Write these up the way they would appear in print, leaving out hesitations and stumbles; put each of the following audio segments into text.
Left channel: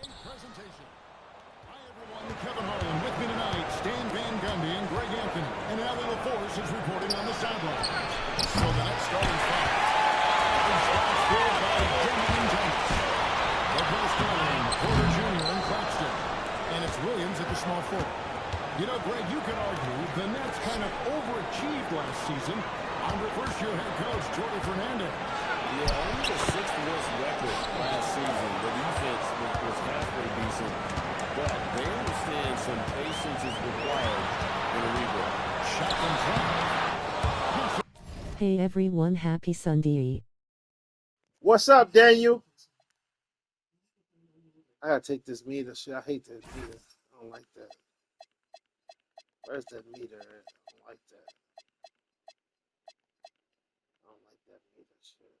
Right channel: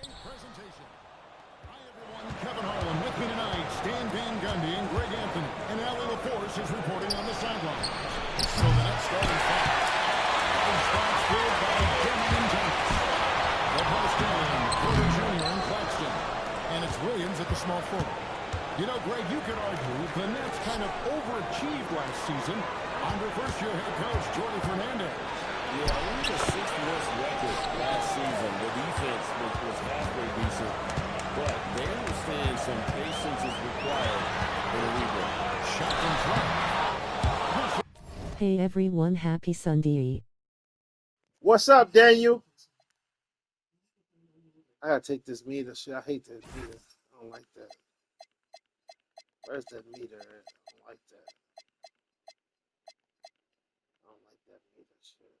Presentation. Hi, everyone. Kevin Harlan with me tonight. Stan Van Gundy and Greg Anthony. And Allie LaForce is reporting on the sideline. So the next starting five. One spot filled by Denman and Thomas. The post in Porter Jr. and Claxton. And it's Williams at the small forward. You know, Greg, you could argue the Nets kind of overachieved last season under first-year head coach Jordi Fernandez. Yeah, only the sixth worst record last season. The defense was halfway decent, but they understand some patience is required in a rebuild. Shot from front. Hey everyone, happy Sunday. What's up, Daniel? I gotta take this meter. Shit, I hate that meter. I don't like that. Where's that meter at? I don't like that. I don't like that meter shit.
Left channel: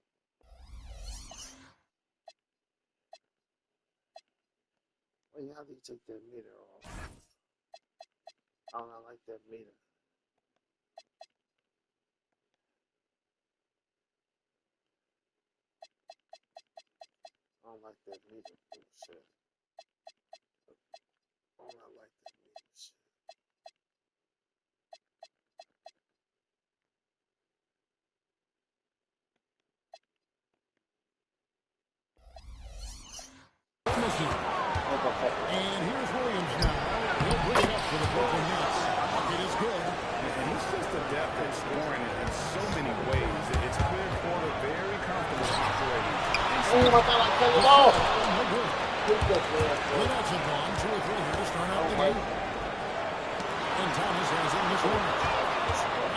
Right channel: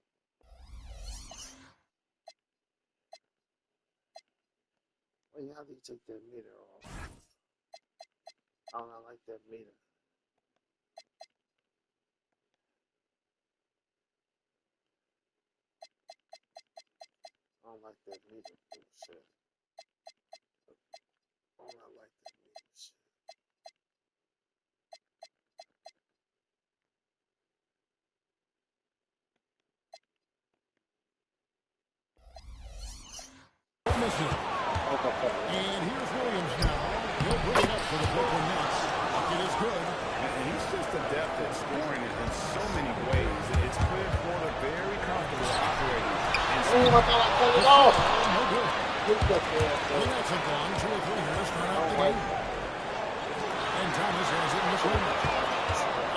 Wait, how do you take that meter off? I don't like that meter. I don't like that meter shit. I don't like that meter shit. And here's Williams now. He'll bring it up for the Brooklyn Nets. Bucket is good. And he's just adept at scoring it in so many ways. It's clear Porter very comfortable operating. Oh, I thought I cut it off. No good. The Nets have gone 2 or 3 here to start out the game. And Thomas has it in the corner.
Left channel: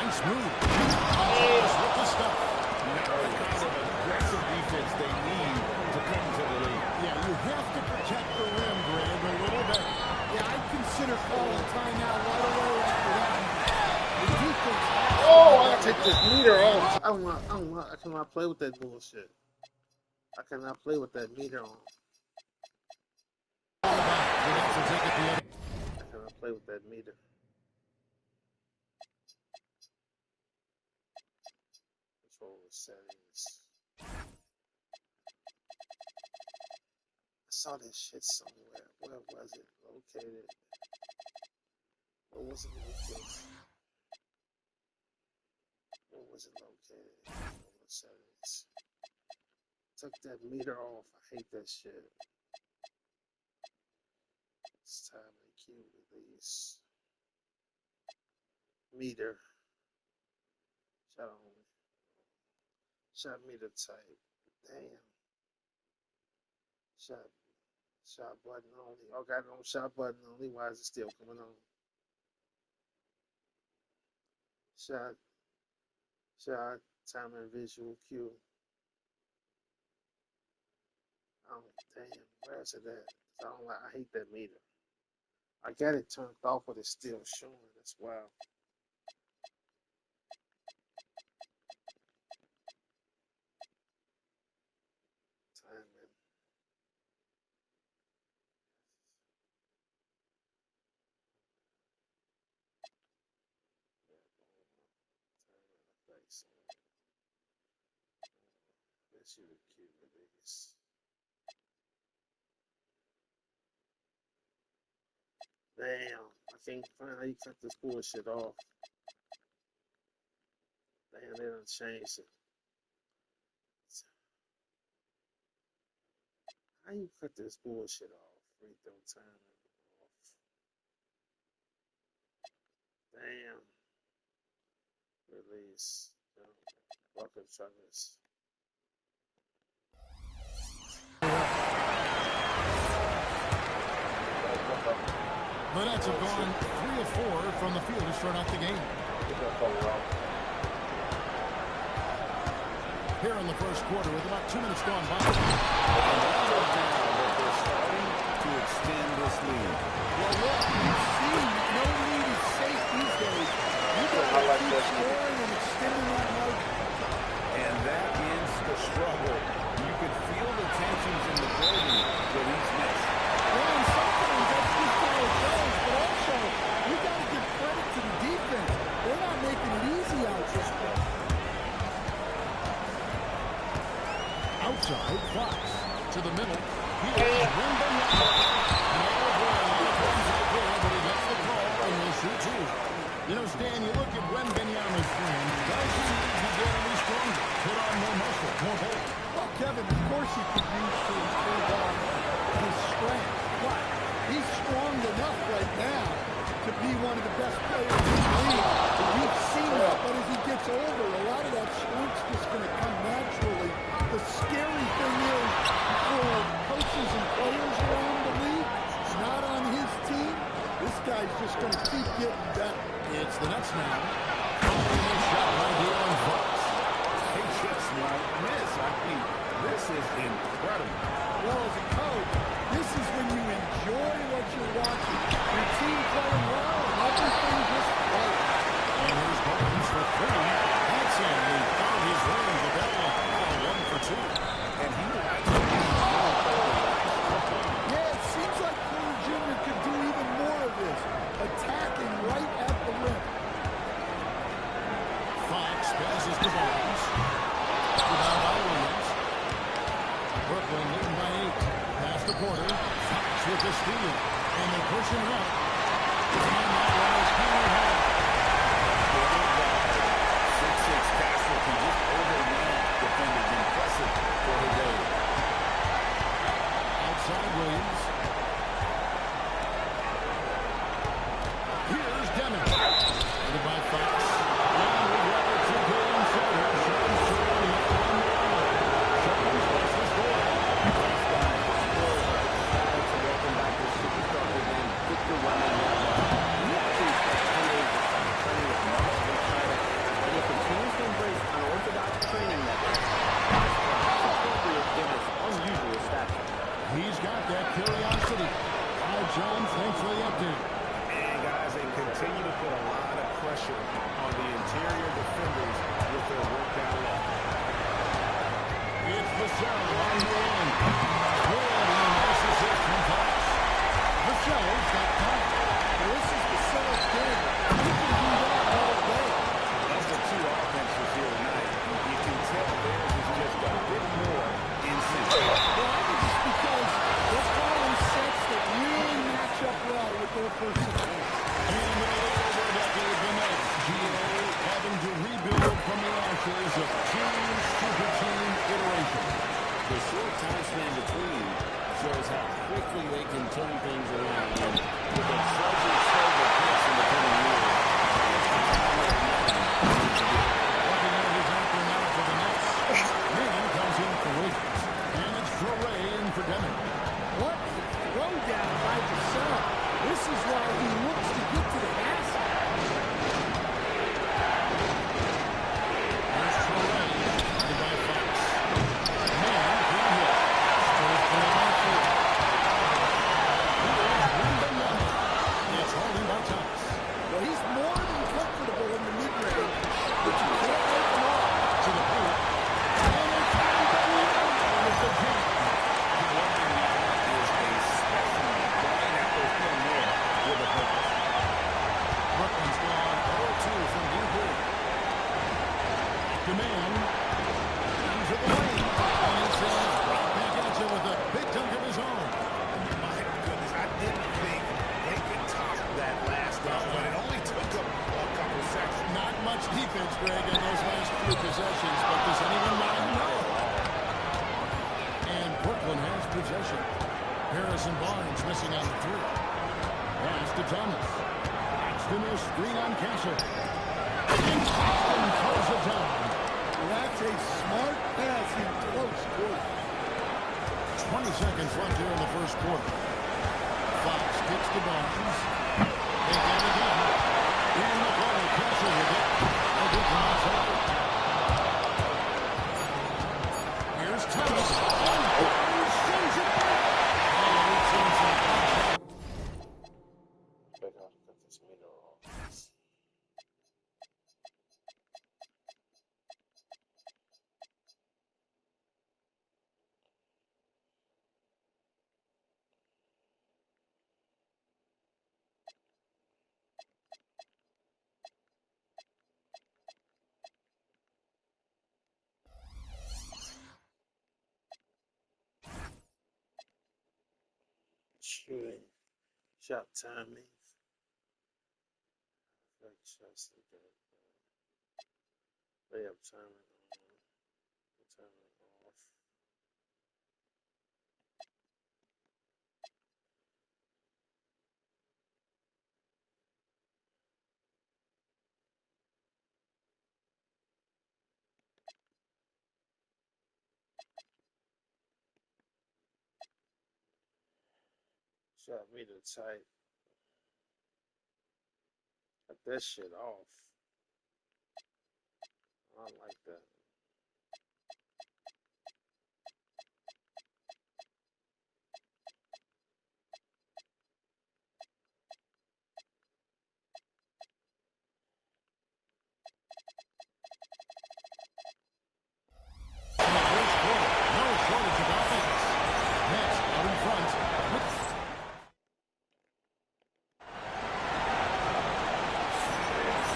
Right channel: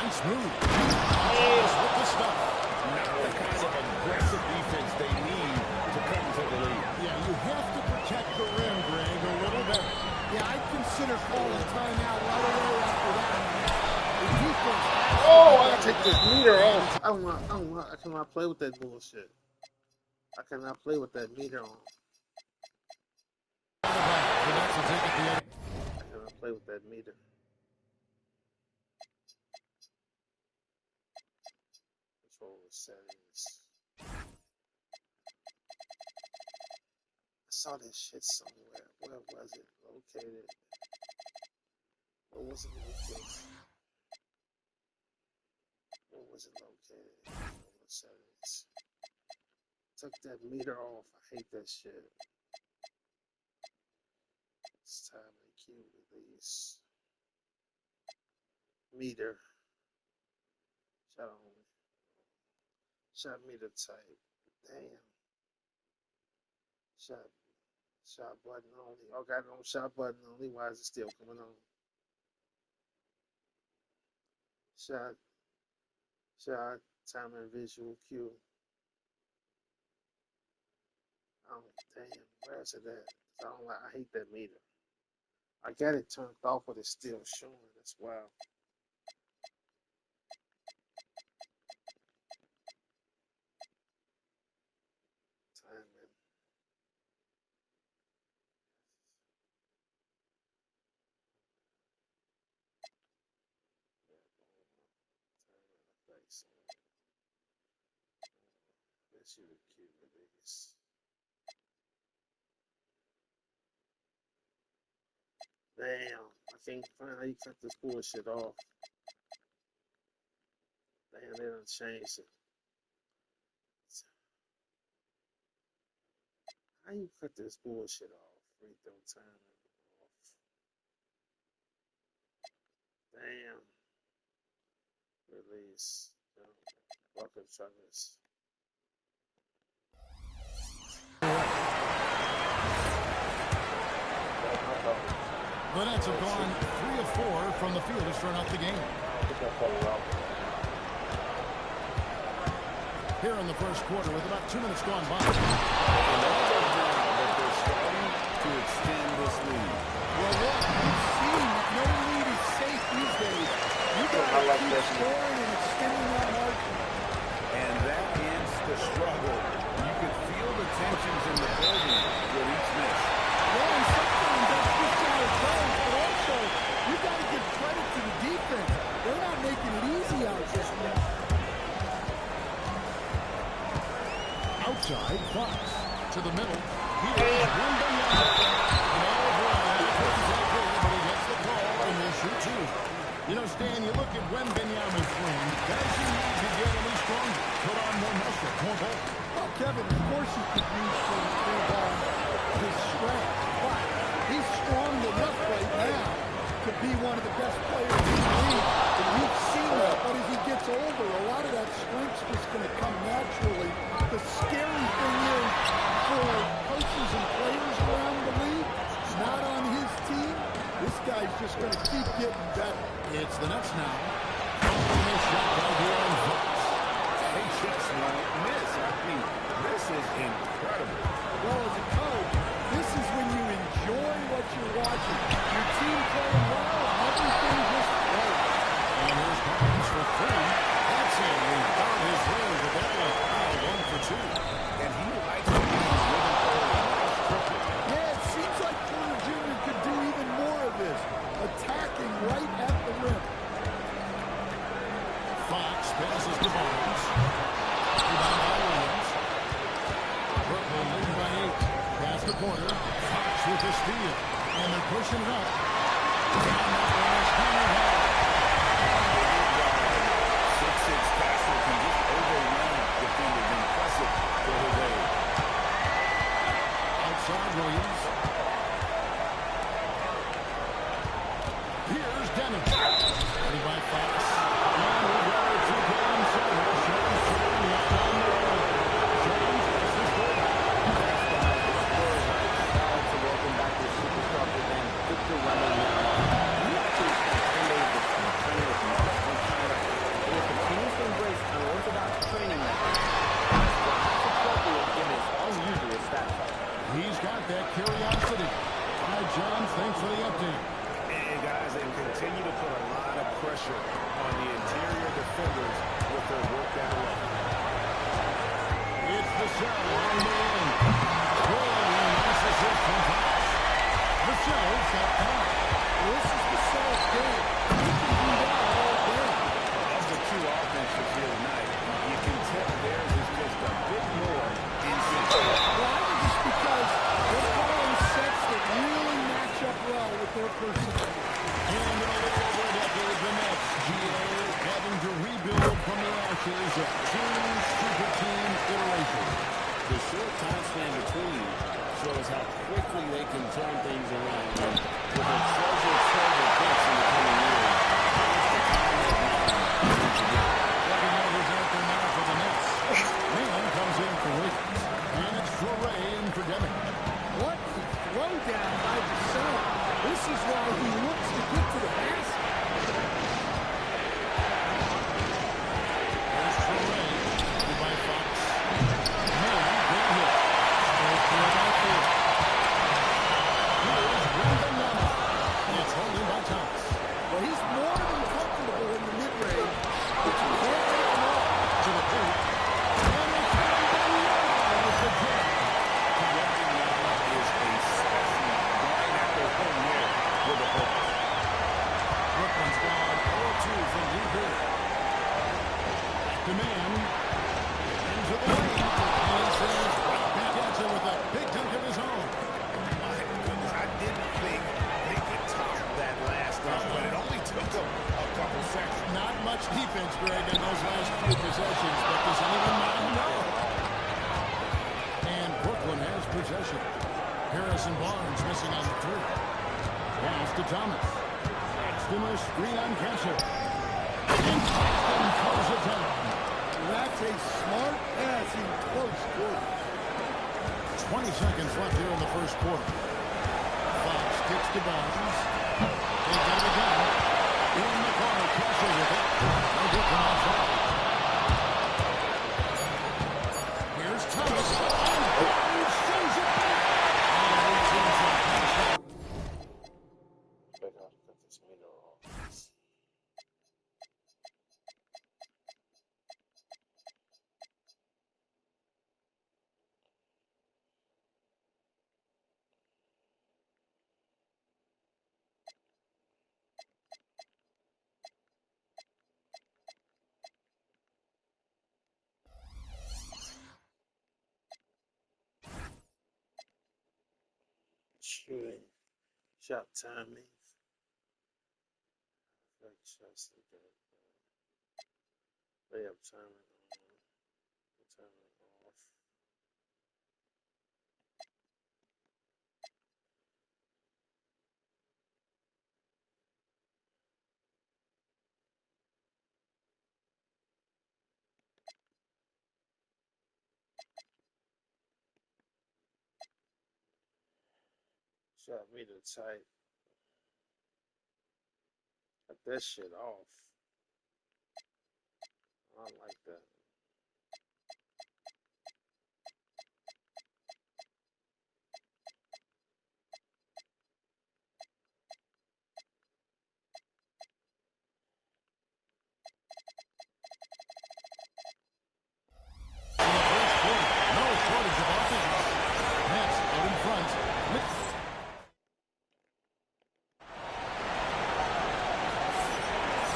Nice move. And Thomas with the stuff. Not the kind of aggressive defense they need to come to the lead. Yeah, you have to protect the rim, Greg, a little bit. Yeah, I'd consider calling a timeout right away after that. The defense has to I gotta take this meter off. I cannot play with that bullshit. I cannot play with that meter on. The Nets will take it the other. I cannot play with that meter. Control settings. I saw this shit somewhere. Where was it located? Where was it located? Where was it located? Control settings. Took that meter off. I hate that shit. It's time to cue release. Meter. Shot on. Shot meter type. Damn. Shot button only. Oh, got it on shot button only. Why is it still coming on? Shot. Time and visual cue. Oh, damn. Where is it at? I hate that meter. I got it turned off, but it's still showing. That's wild. Timing. Let's see the cue release. Damn, I can't find how you cut this bullshit off. Damn, they done changed it. How you cut this bullshit off? Free throw timing off. Damn. Release. Welcome, Travis. The Nets have gone 3 of 4 from the field to start out the game. Here in the first quarter with about 2 minutes gone by. And that goes now that they're starting to extend this lead. Well, look, we've seen that no lead is safe these days. You got to keep scoring and extending that margin. And that ends the struggle. You could feel the tensions in the building with each miss. Yeah, and sometimes that's just how it goes. But also, we got to give credit to the defense. They're not making it easy out there. Outside, Fox to the middle. Here's Wembanyama. And oh boy, a lot of contact there, but he gets the call and will shoot two. You know, Stan, you look at Wembanyama's frame. Does he need to get any stronger? Put on more muscle, more bulk? Well, Kevin, of course he could use to improve on his strength, but he's strong enough right now to be one of the best players in the league. We've seen that, but as he gets older, a lot of that strength's just going to come naturally. The scary thing is for coaches and players around the league, not on his team, this guy's just going to keep getting better. It's the Nets now. Following this shot by De'Aaron Fox. They just won't miss. I mean, this is incredible. Well, as a coach, this is when you enjoy what you're watching. Your team playing well and everything just flows. And here's Barnes for three. That's in. He found his range with that one. Now 1 for 2. And he likes to get his rhythm early. Nice triple. Yeah, it seems like Porter Jr. could do even more of this, attacking right at the rim. Fox passes to Barnes. Rebound by Williams. Brooklyn leading by 8. Pass to Porter. Fox with the steal. And they're pushing it up. And that one is hammered home. Bigger guard. 6'6" Castle can just overwhelm defenders. Impressive for his age. Outside Williams. Here's Dennis. Started by Fox. And we've got a 2-game setter. Shams Charania on the line. Shams, what's the score? Thanks, guys. The Spurs are excited to welcome back their superstar big man, Victor Wembanyama. He actually spent 10 days this summer training with monks in China, and he continues to embrace unorthodox training methods. Guys, perhaps appropriate given his unusual stature. He's got that curiosity. All right, John, thanks for the update. And guys, they continue to put a lot of pressure on the interior defenders with their work down low. It's Vassell on the run. Good and a nice assist from Fox. Vassell's got 5. Well, this is Vassell's game. He can do that all day. Of the two offenses here tonight, you can tell theirs is just a bit more in sync. Well, I think it's because they're calling sets that really match up well with their personality. And in a little over a decade, the Nets, GA, having to rebuild from the ashes of 2 super team iterations. The short time span between shows how quickly they can turn things around. And with a treasure trove of picks in the coming years, it's the time that now needs to get. Looking at who's out there now for the Nets. Man comes in for Williams. And it's Fleury in for Deming. What a throwdown by Vassell. This is why he looks to get to the basket. Here's Fleury, started by Fox. Man, good hit. Spurs play by 4. Here's Wembanyama. It's holding by Thomas. Well, he's more than comfortable in the mid-range, but you can't make him all. To the paint. And it's Wembanyama with the jam. Wembanyama is a specimen going at the rim there with a purpose. Brooklyn's gone 0-2 from deep here. Back to man. Into the lane. And he says right back at you with a big dunk of his own. My goodness, I didn't think they could top that last dunk, but it only took them a couple seconds. Not much defense, Greg, in those last few possessions, but does anyone mind? No. And Brooklyn has possession. Harrison Barnes missing on the 3. Pass to Thomas. Paxton a screen on Castle. And Paxton throws it down. Well, that's a smart pass in close quarter. 20 seconds left here in the first quarter. Fox kicks to Barnes. They get it again. In the corner, Castle with it. No good from outside. Here's Thomas. And Barnes sends it back. Oh, he sends that punch out. Check out cut this meter off. shooting. Shot timing. Like shots like that. Layup timing on. Timing off. Shot meter tight. Cut that shit off. I don't like that. In the first quarter, no shortage of offense. Nets out in front.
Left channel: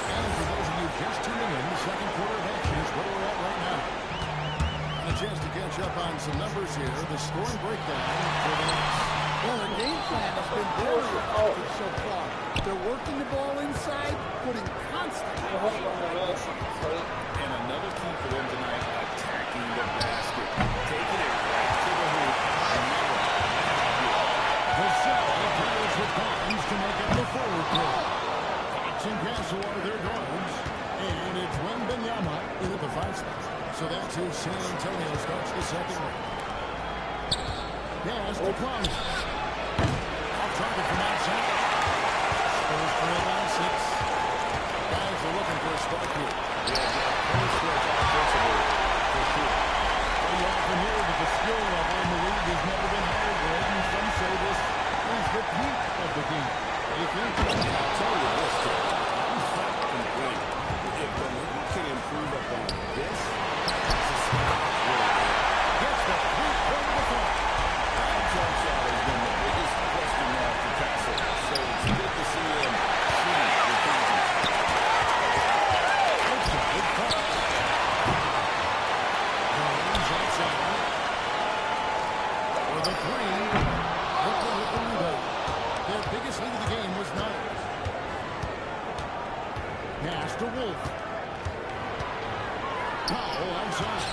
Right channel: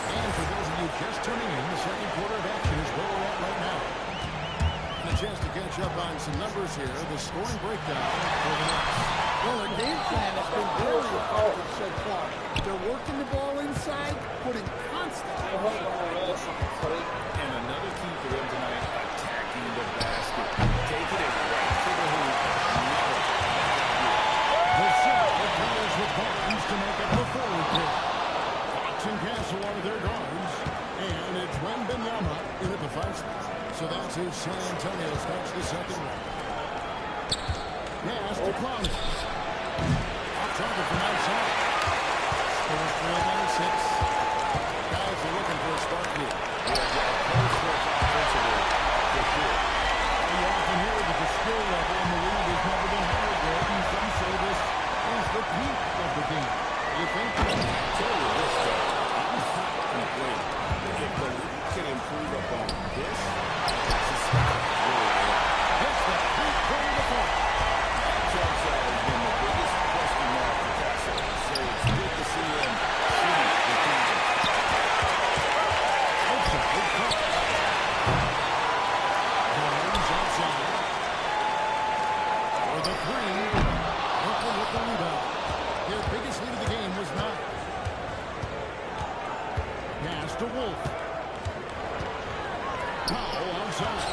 And for those of you just tuning in, the second quarter of action is where we're at right now. And a chance to catch up on some numbers here. The scoring breakdown for the Nets. Well, their game plan has been very effective so far. They're working the ball inside, putting constant And another key for them tonight, attacking the basket. Taking it right to the hoop. Never a bad idea. The shot appeals with Barnes to make up the forward pair. Fox and Castle are their guards. And it's Wembanyama in at the 5 spot. So that's who San Antonio starts the second round. Pass to Clowney. Off target from outside. Spurs trail by 6. Guys are looking for a spark here. Yeah, a close stretch offensively, for sure. You often hear that the skill level in the league has never been higher, Greg, and some say this is the peak of the game. You think? I'll tell you this, Kevin. I'm not complaining. If the league can improve upon this, the sky is really there. Gets the three-pointer to fall. That jump shot has been the biggest question mark for Castle, so it's good to see him shooting with confidence. Outside, Fox. Barnes outside. For the 3. Brooklyn with the rebound. Their biggest lead of the game was 9. Pass to Wolf. Powell outside.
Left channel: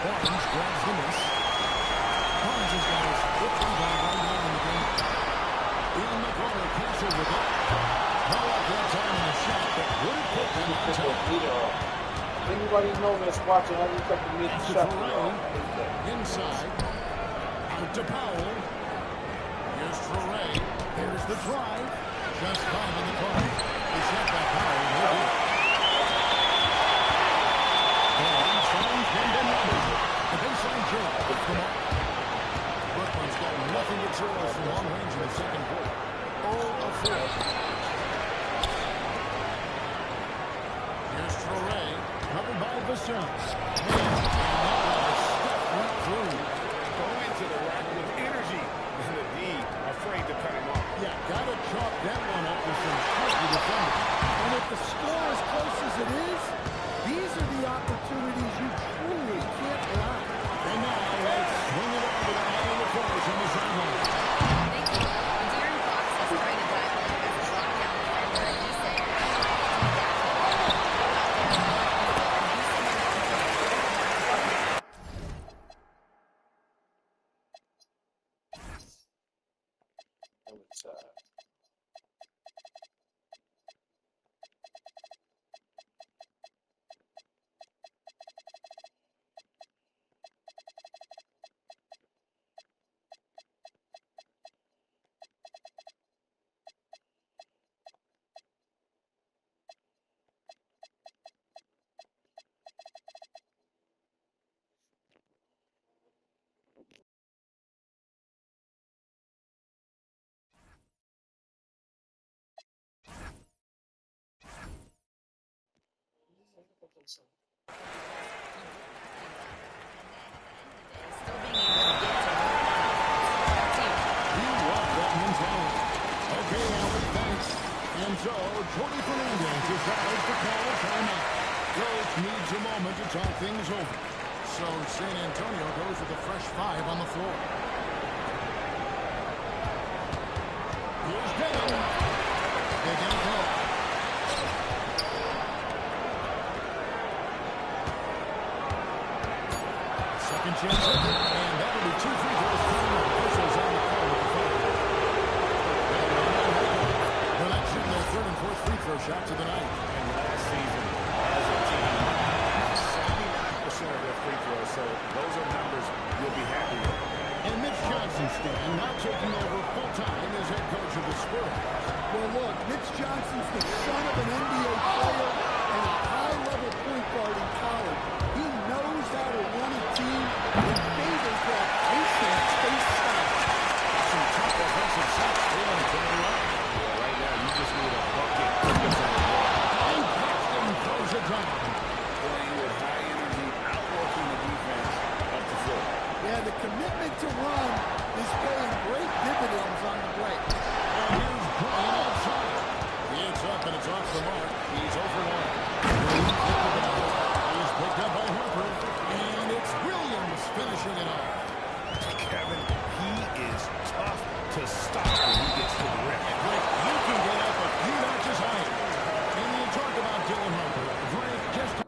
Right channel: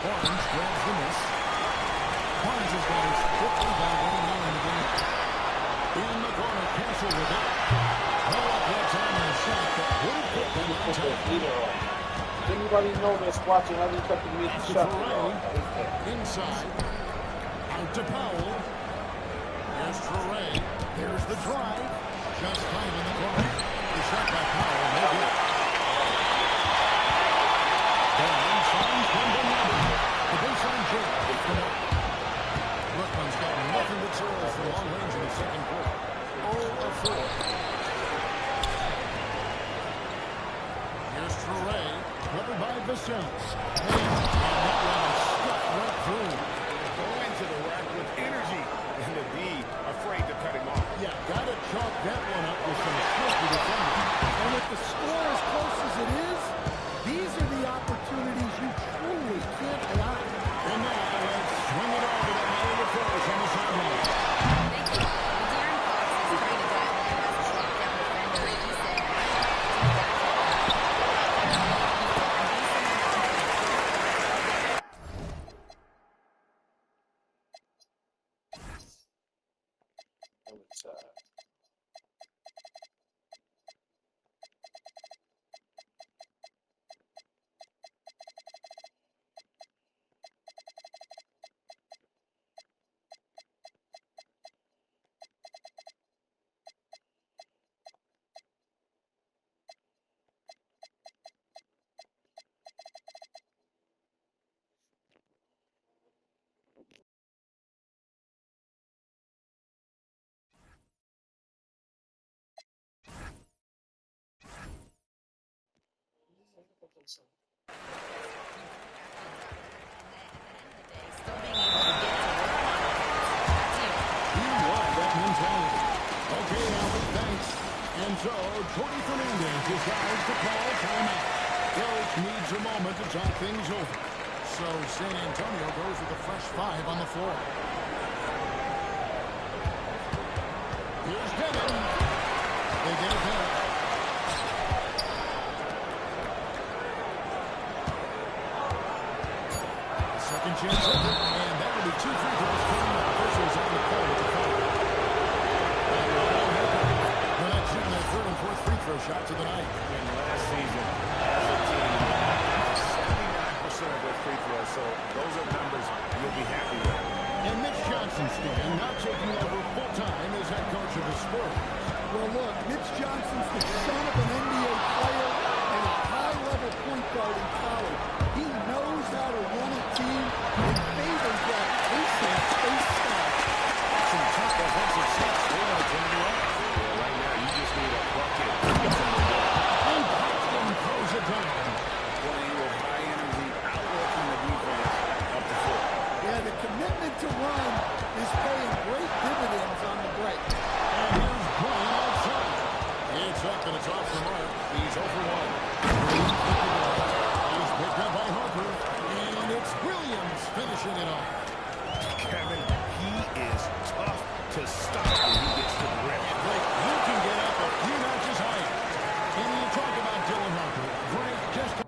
Barnes grabs the miss. Barnes has got his 5th rebound right now in the game. In the corner, Castle with it. No luck that time on the shot that would have put them on top. Does anybody know that's watching how you cut the meter To shot? Traore. Inside. Out to Powell. Here's Traore. There's the drive. Just 5 on the clock. The shot by Powell, no good. Barnes finds Wembanyama. The baseline jam from Mark. Brooklyn's got nothing but zeros from long range in the second quarter. 0 of 4. Here's Traore, covered by Vassell. And that one is stuffed right through. Going to the rack with energy, and the D afraid to cut him off. Yeah, got to chalk that one up with some shifty defending. And with the score as close as it is, these are the opportunities you truly can't allow. And now let's swing it over to Allie LaForce on the sideline. Thank you. Well, De'Aaron Fox is trying to dial in as a lockdown defender, and he said, I like to be that type of guy. Go out there, work people, and be someone that people don't want to put in the act. Inside. Still being able to get to work on offense. That's you. You love that mentality. Okay, Allie, thanks. And so, Jordy Fernandez decides to call timeout. Coach needs a moment to talk things over. So San Antonio goes with a fresh 5 on the floor. Here's Devin. They get it back. Second chance effort, and that'll be 2 free throws coming up. Officials on the call with the foul. They're not shooting their third and fourth free throw shots of the night. And last season, as a team, they knocked 79% of their free throws, so those are numbers you'll be happy with. And Mitch Johnson, Stan, now taking over full-time as head coach of the Spurs. Well, look, Mitch Johnson's the son of an NBA player and a high-level point guard in college. He knows how to run a team and favors that pacing space style. Some tough offensive sets. They want to turn it around. Well, right now, you just need a bucket to get from the ball. And Paxton throws it down. Playing with high energy, outworking the defense up the floor. Yeah, the commitment to run is paying great dividends on the break. And here's Bryant outside. It's up and it's off the mark. He's 0 for 1. He's picked the ball. He's picked up by Harper. And it's Williams finishing it off. Kevin, he is tough to stop when he gets to the rim. And Greg, he can get up a few notches higher. And you talk about Dylan Harper. Greg, just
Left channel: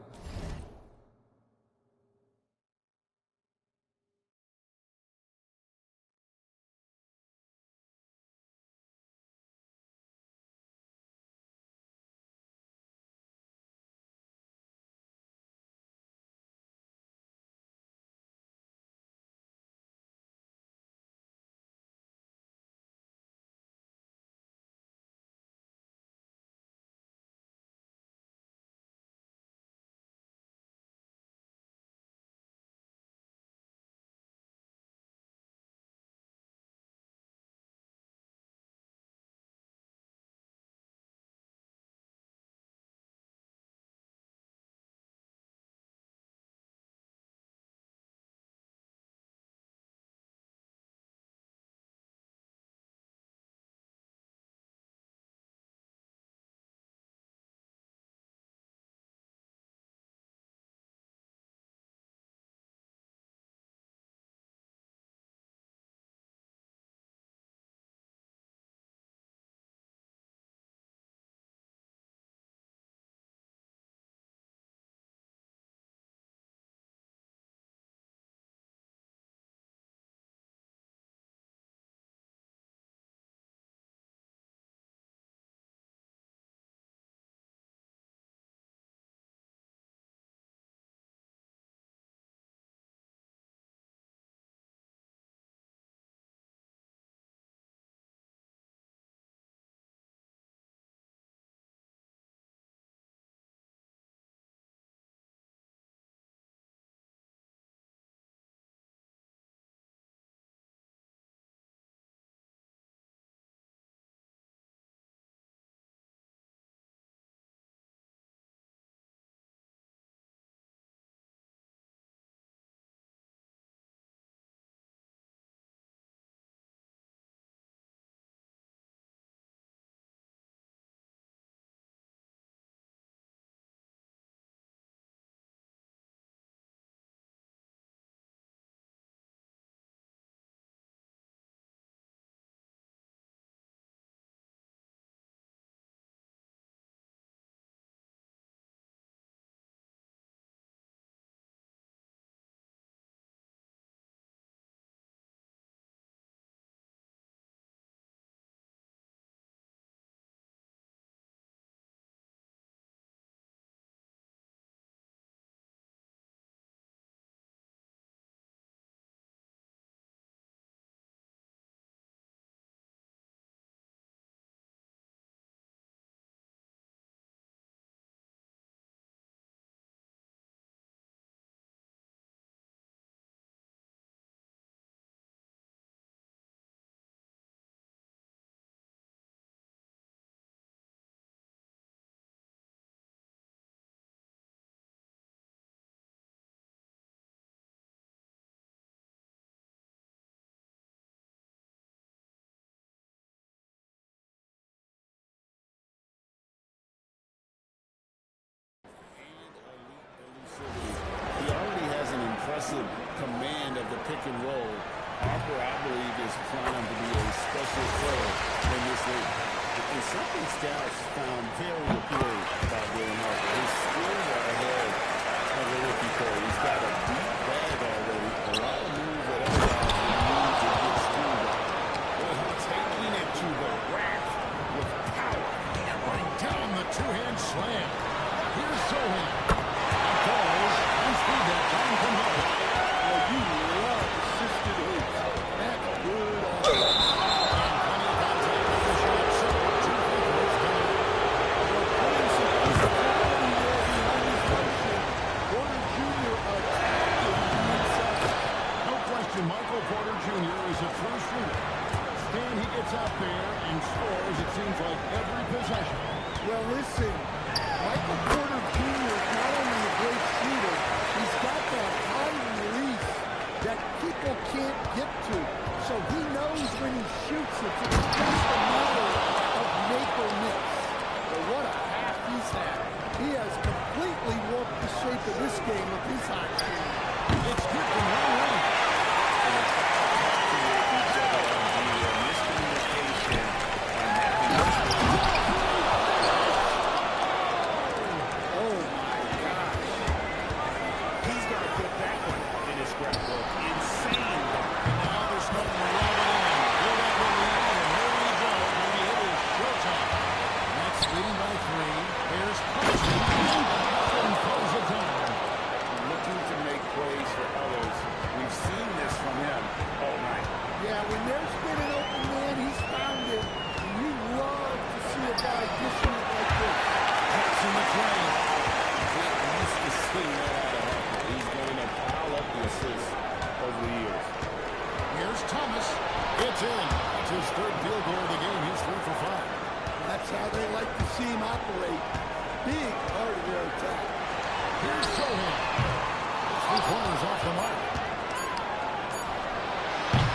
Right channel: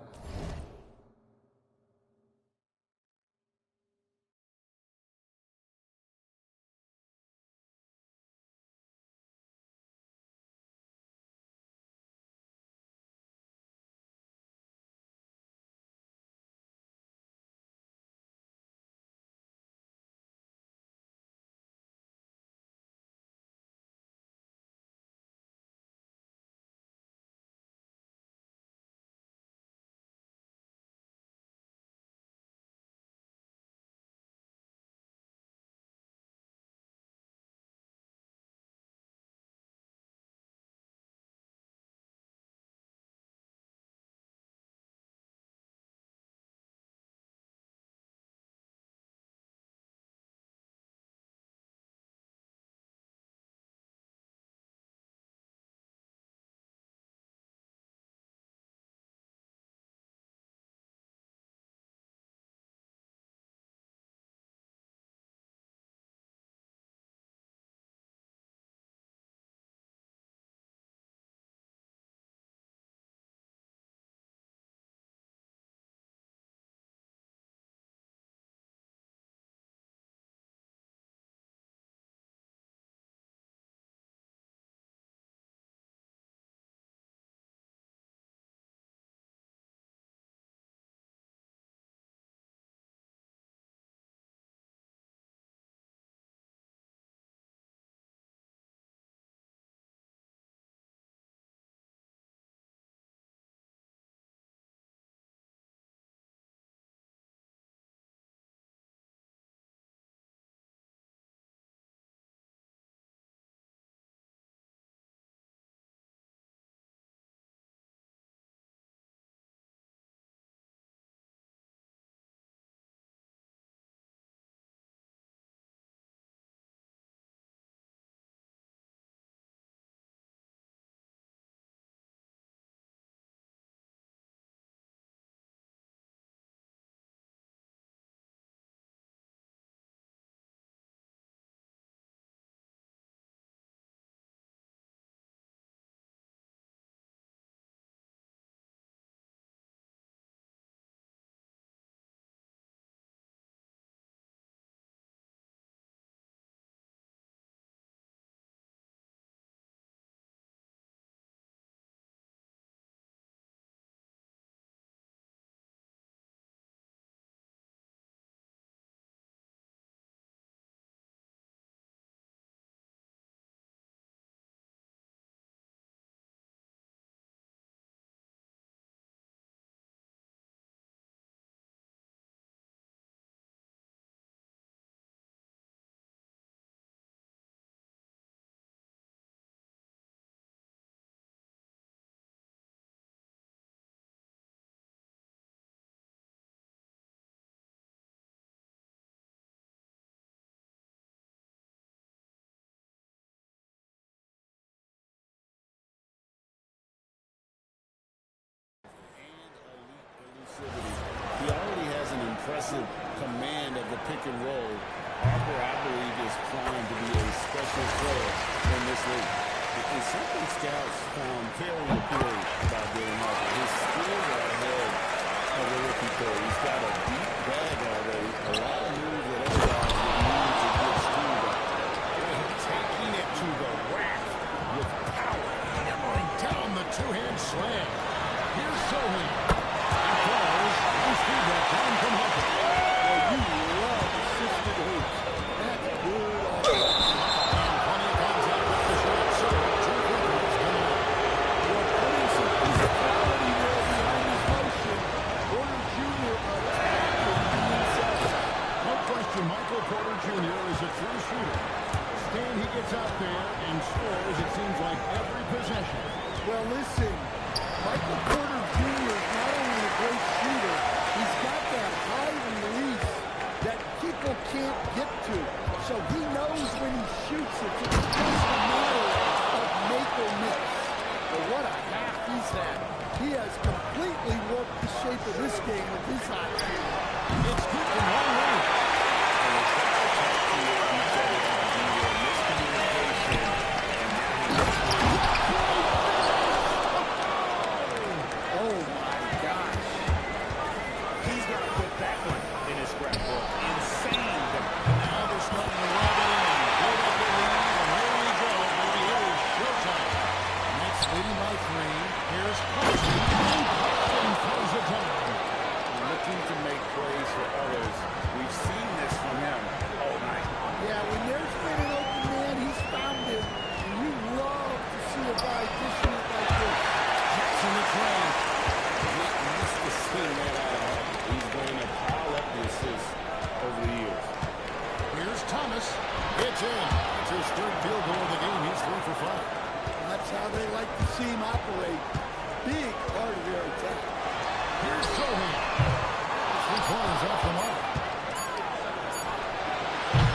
impressive command of the pick and roll. Harper, I believe, is primed to be a special player in this league. And something scouts found very appealing about Dylan Harper. His skills are ahead of the rookie player. He's got a deep bag already. A lot of moves that other guys would need to get schooled on. Well, taking it to the rack with power. Hammering down the two-hand slam. Here's Sohan. And falls on speed that time from Harper. Well, you love assisted hoops. That's good offense. And plenty of contact with the shot. So, 2 free throws coming up. Well, putting some physicality there behind his motion. Porter Jr. attacking the inside. No question, Michael Porter Jr. is a true shooter. Stan, he gets out there and scores, it seems like, every possession. Well, listen, Michael Porter Jr. is not only a great shooter, he's got that high release that people can't get to. So he knows when he shoots it, it's just a matter of make or miss. But what a half he's had. He has completely warped the shape of this game with his hot shooting. It's good from long range. And they've got to talk to each other on D there. Miscommunication. And now Oh my gosh. He's going to put that one in his scrapbook. Insane dunk. And now they're starting to rub it in. Build up the lead, and here we go, baby. It is showtime. Nets leading by 3. Here's Claxton, and Claxton throws it down. looking to make plays for others. We've seen this from him all night. Yeah, when there's been an open man, he's found it. And you love to see a guy dishing it like this. Jackson the tray. Get used to seeing that out of Harper. He's going to pile up the assists over the years. Here's Thomas. It's in. That's his third field goal of the game. He's 3 for 5. That's how they like to see him operate. Big part of their attack. Here's Sohan. His 3 pointers off the mark.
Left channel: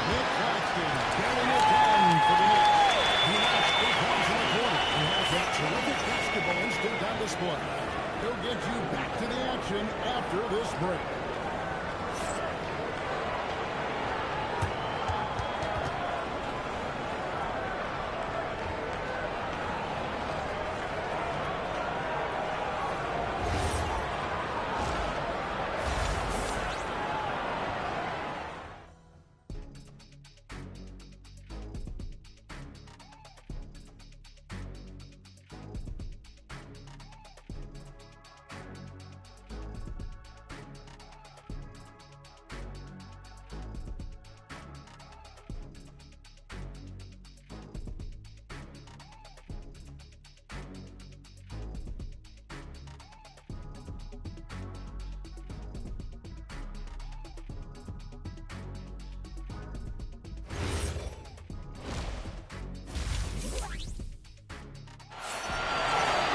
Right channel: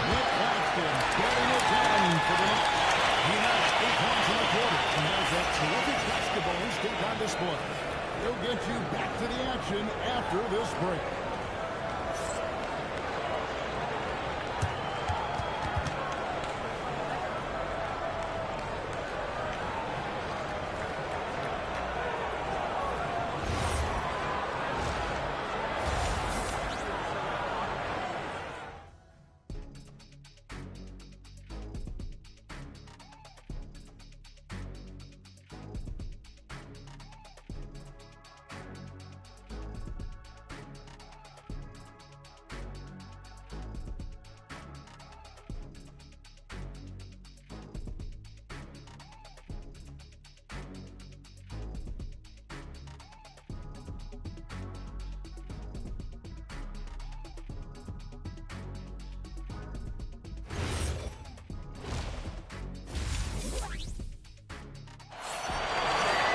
Nick Claxton getting it done for the Knicks. He notched 3 points in the quarter. He has that terrific basketball instinct on display. He'll get you back to the action after this break.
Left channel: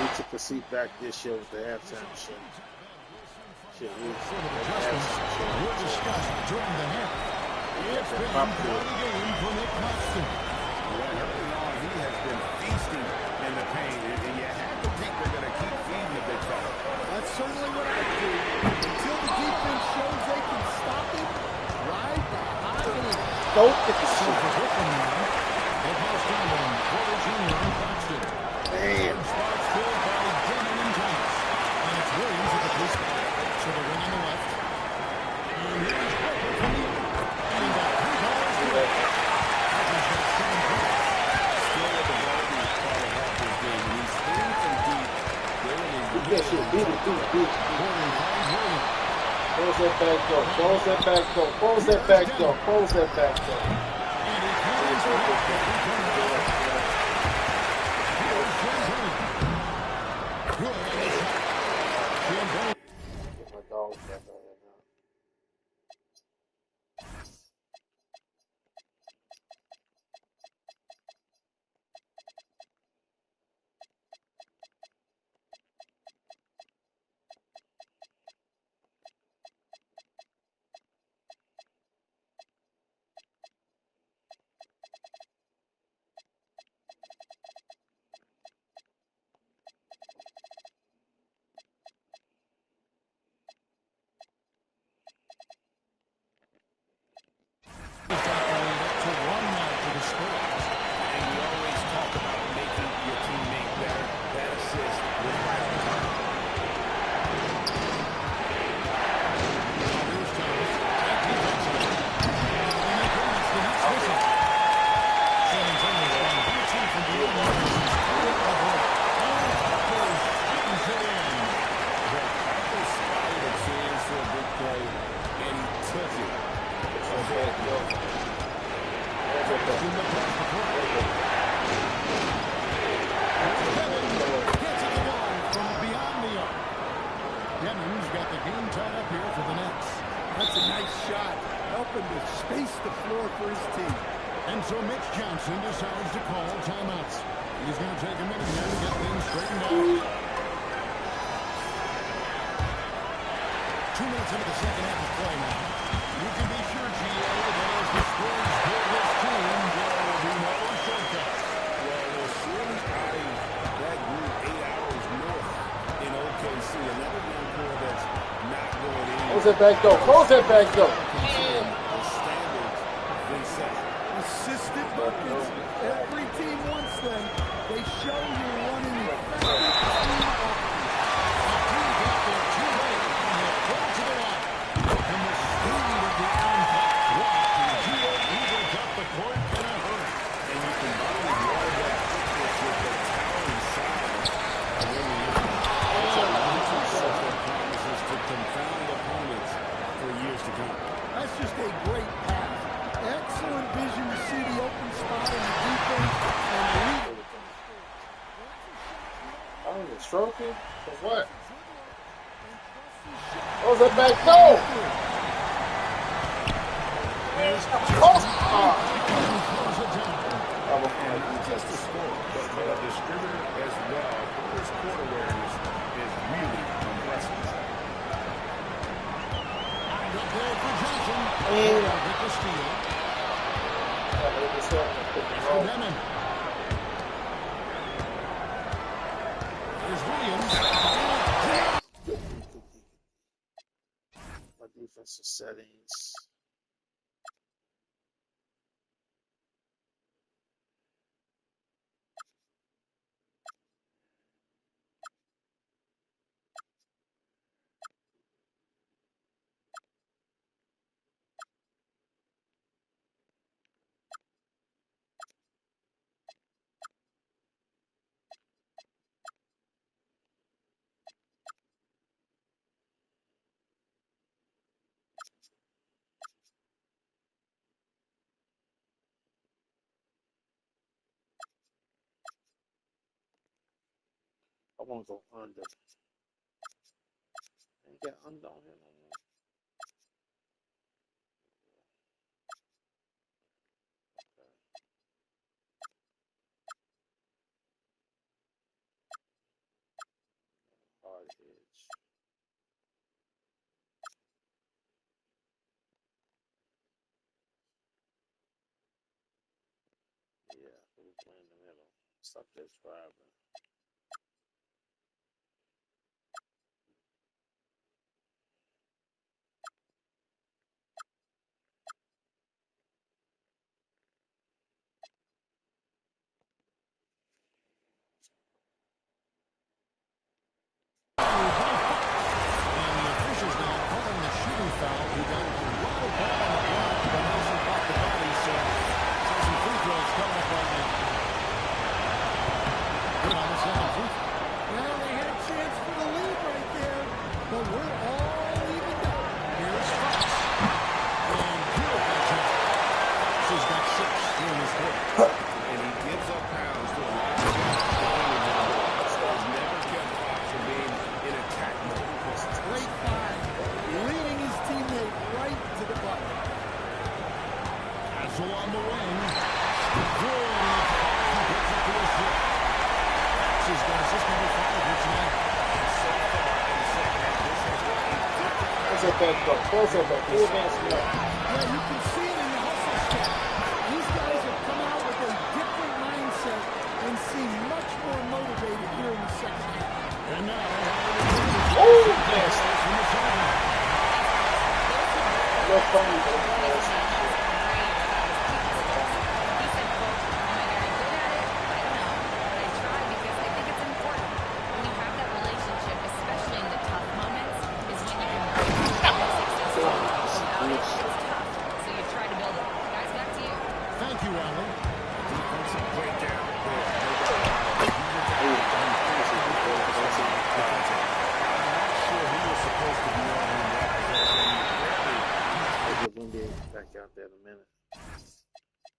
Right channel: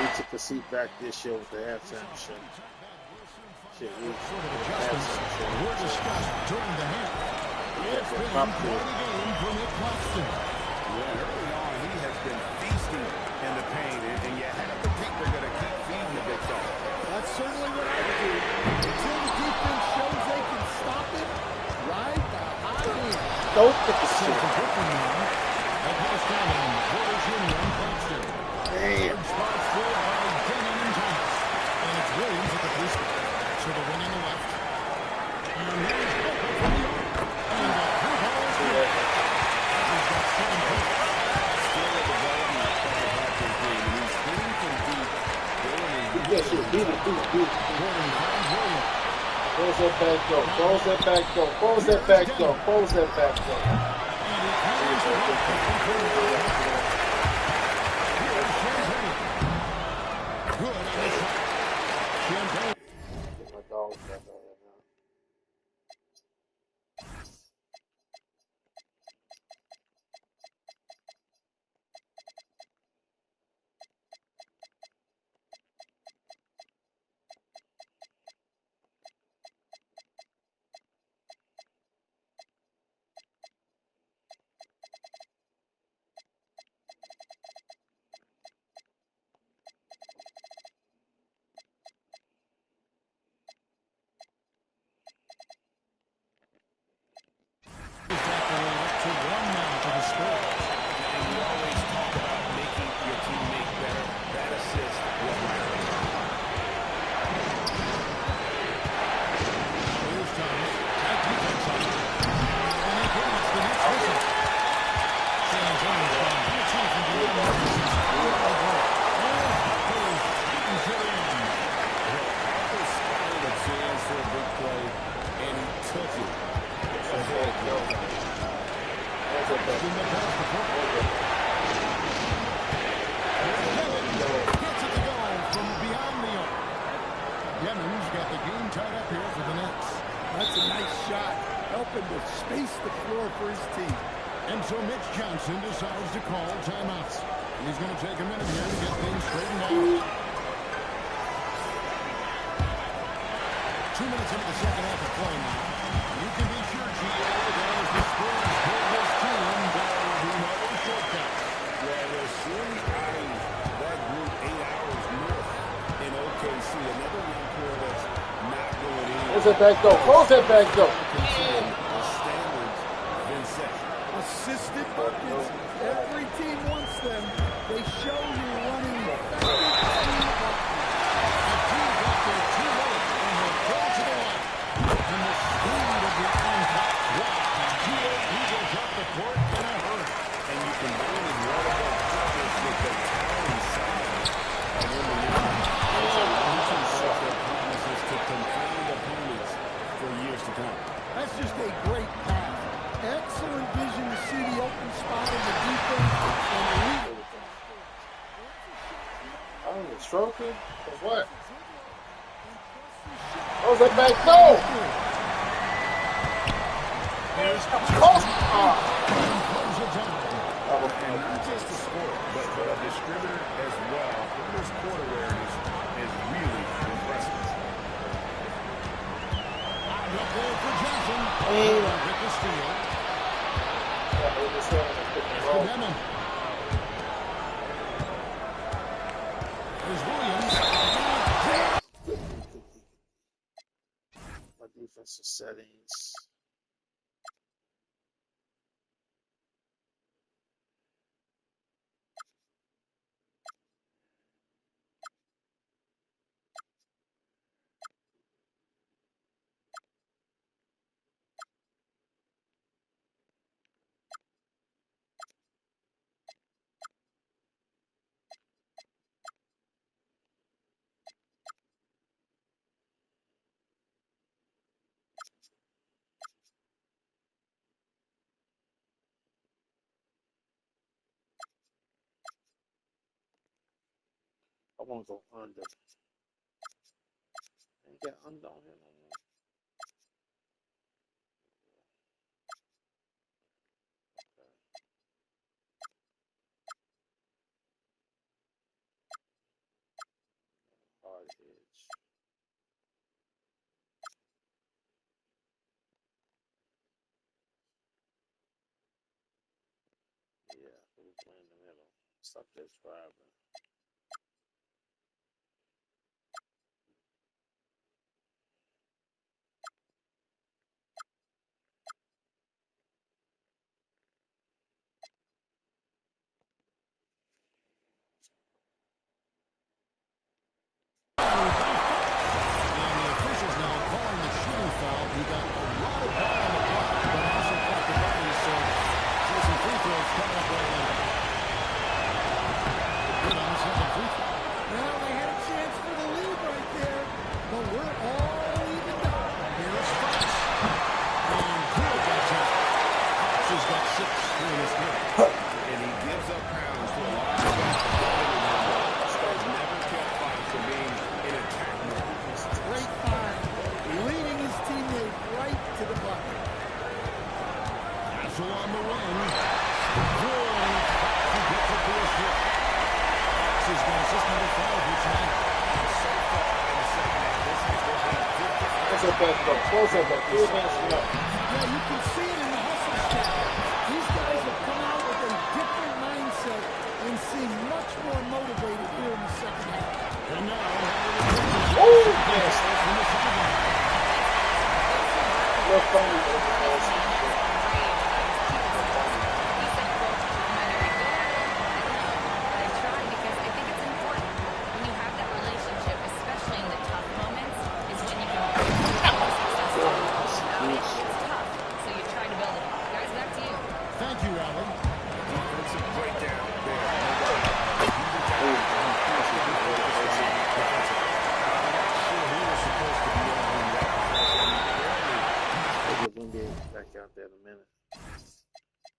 We took a seat back this year with the halftime show. Shit, Sort of adjustments were discussed during the half. It's been pop quite a game for Nick Claxton. Yeah, and early on, he has been feasting in the paint, and you have to think they're going to keep feeding the big fella. That's certainly what I do. Until the defense shows they can stop him, ride the hot hand. Don't get the So shit. for Brooklyn now, they'll pass down on Porter Jr. and Claxton. Damn. Third spot's filled by Denham and Thomas. And it's Williams at the 3 spot. So the wing on the left. And here's Harper from the arc. And the 3-ball is good. Harper's got 7 points. Still a development part of Harper's game, and he's hitting from deep. Dylan is Beat that shit. Beat it. Beat it. Beat it. Gordon finds Williams. Close that back door. Close that back door. Close that back door. Close that back door. And he carries it up the 3-point line. Here's Champagne. Good on the shot. Champagne. Get my dog back on there now. Spurs. And we always talk about making your teammate better. That assist was right on target. Now here's Thomas. Tight defense on it. And again, it's the Nets missing. San Antonio's gone 2 from beyond the break. And Harper tightens it in. Well, Harper spotted a chance for a big play, and he took it. In the pass before. Demons gets it to go from beyond the arc. Demons got the game tied up here for the Nets. That's a nice shot, helping to space the floor for his team. And so Mitch Johnson decides to call timeouts. He's going to take a minute here to get things straightened out. 2 minutes into the second half of play now. You can be sure, GA, that as the Spurs build this team, there will be no shortcuts. Well, they're surely eyeing that group 8 hours north in OKC. Another young core that's not going in. Close that back door. Close that back door. The standards been set. Assisted buckets. Every team wants them. They show you running effective team offense. The team got there too late and will go to the line. And the speed of the on-top. Wow. GA Eagles up the court in a hurry. And you combine his water-bug quickness with the towering size of Wembanyama. It's a one-two punch that promises to confound opponents for years to come. That's just a great pass. Excellent vision to see the open spot in the defense and lead it. Oh, the trophy? For what? Close that back door. Here's Close. close it down. And not just a scorer, but a distributor as well. Porter's court awareness is really impressive. Wound up there for Johnson. With the steal. For Demon. There's Williams. My defensive settings. I want to go under. Ain't got under on here no more. Okay. Hard edge. Yeah, we'll play in the middle. Stop that driving. And the officials now calling the shooting foul. He got a lot of ball on the block, but also blocked the body, so some free throws coming up right now. Good on the second free throw. Well, they had a chance for the lead right there, but we're all evened up. Here's Fox. And good that time. Fox has got 6 here in this quarter. And he gives up pounds to a lot of guys defending him, but that has never kept Fox from being in attack mode. Great find, leading his teammate right to the bucket. Castle on the wing. Good, and it's Fox who picks up the assist. Fox has got assist number 5 here tonight. And so far in the second half, this has been a different... Close that back door. Close that back door. Yeah, you can see it in the hustle stat. These guys have come out with a different mindset and seem much more motivated here in the second half. And now, Yes. from the sideline. Those who work with Jordan Hernandez and Ray, he said rebuild it. Guys, back to you. Thank you, Allie. Defensive breakdown there. No doubt about it. He's a guy who has to be focused on defensive. I'm not sure who was supposed to be on that possession. Apparently, I'll give NBA back out there in a minute.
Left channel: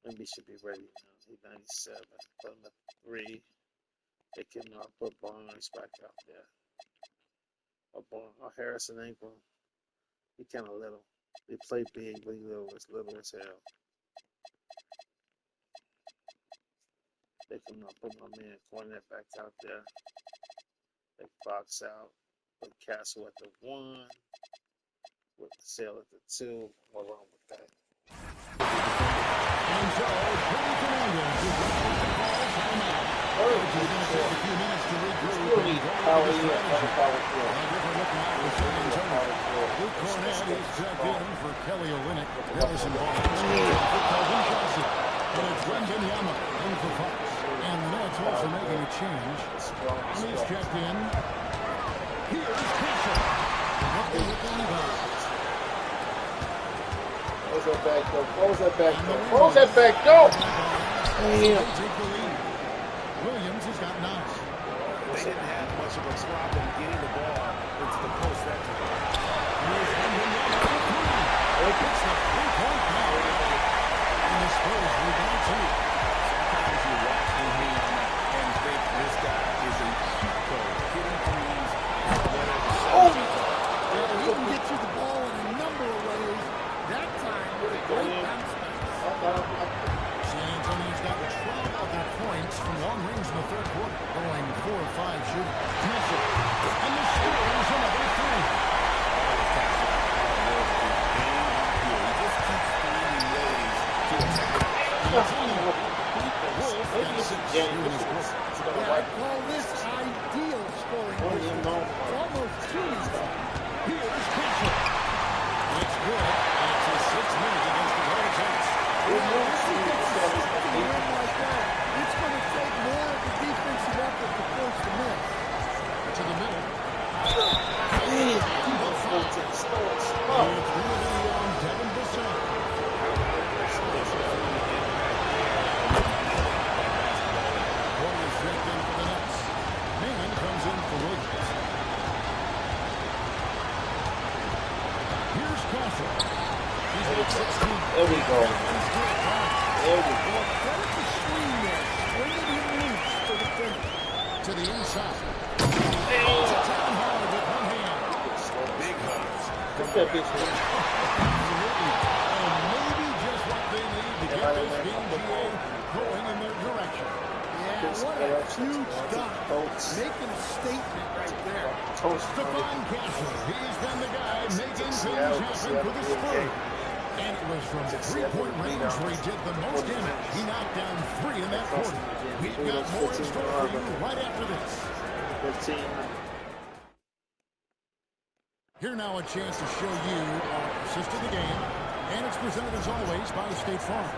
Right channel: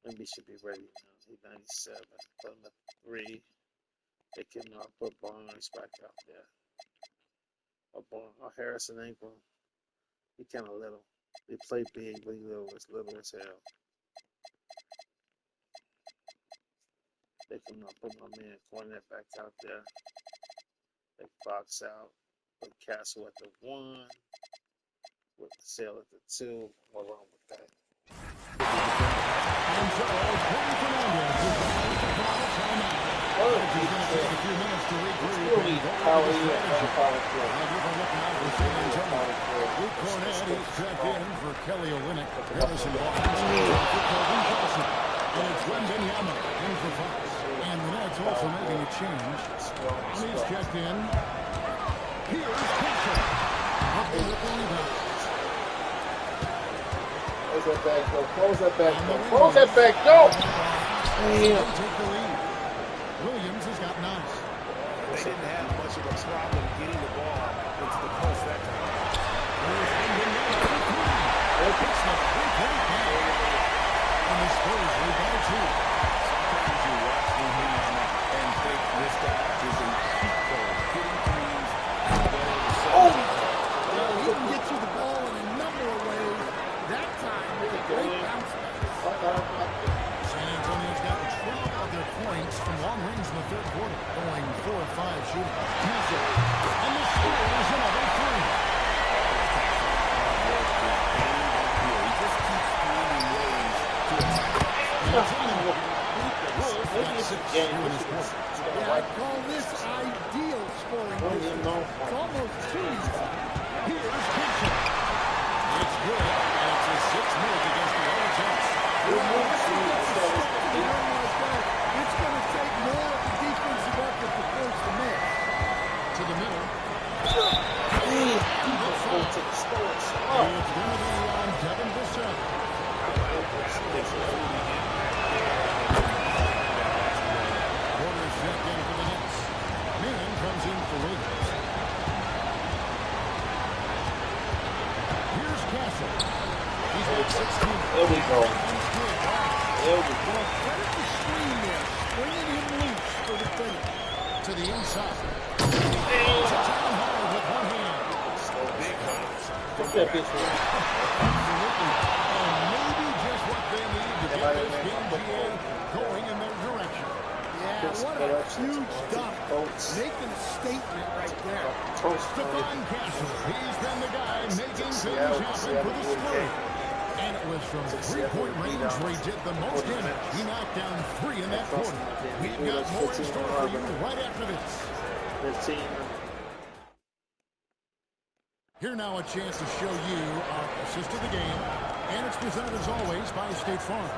NBA should be ready now. He's 97. Put him at 3. They can put Barnes back out there. Or Harrison Ingram. He kind of little. They play big, but he little as hell. They can put my man Cornette back out there. They box out. Put Castle at the 1. With Sale at the 2. What's wrong with that? And so, Cody Fernandez is going to call timeout. Coach is going to take a few minutes to regroup and go over the strategy. A different look now for San Antonio. Luke Cornette is checked in for Kelly Olynyk. Harrison Barnes in for Kelvin Johnson. And it's Wembanyama in for Fox. And the Nets also making a change. He's checked in. Here's Castle. Up with the rebound. Close that back door. Close that back door. Close that back door. Damn. They take the lead. Williams has got 9. they didn't have much of a problem getting the ball into the post that time. Here's Wembanyama for 3. It's the 3-point foul. And the Spurs rebound 2. Sometimes you watch Wembanyama and think this guy is a cheat code, hitting threes and whatever the 7 feet are. Well, he can get you the ball in a number of ways. That time with a great bounce back. San Antonio's gotten 12 of their points from long range in the third quarter, going 4 of 5 shooting. Cancel. And the Spurs another 3. Always Castle hard work to aim up here. He just keeps finding ways to attack. Wolf got 6 here in this quarter. Yeah, I call this ideal scoring distance. It's almost too easy. Here's Cancel. It's good, and it's a 6 mid against the other attempts. Well, once he gets a stick to the rim like that, it's going to take more of the defensive effort to force the miss. To the middle. It's going to be on Devin Vassell. How about battling through the impact there and revealing that basketball? Porter's checked in for the Nets. Man comes in for Williams. Here's Castle. He's got 16. There we go. There we go. Well, credit the screen there, stringing him loose for the finish. To the inside. Holds it down hard with one hand. Big hops. Absolutely. And maybe just what they need to get this game GA going in their direction. Yeah, what a huge dunk. Making a statement right there. Stephon Castle. He's been the guy making things happen for the Spurs. And it was from 3-point range where he did the most damage. He knocked down 3 in that quarter. We've got more in store for you right after this. 15. Here now a chance to show you our assist of the game. And it's presented as always by State Farm.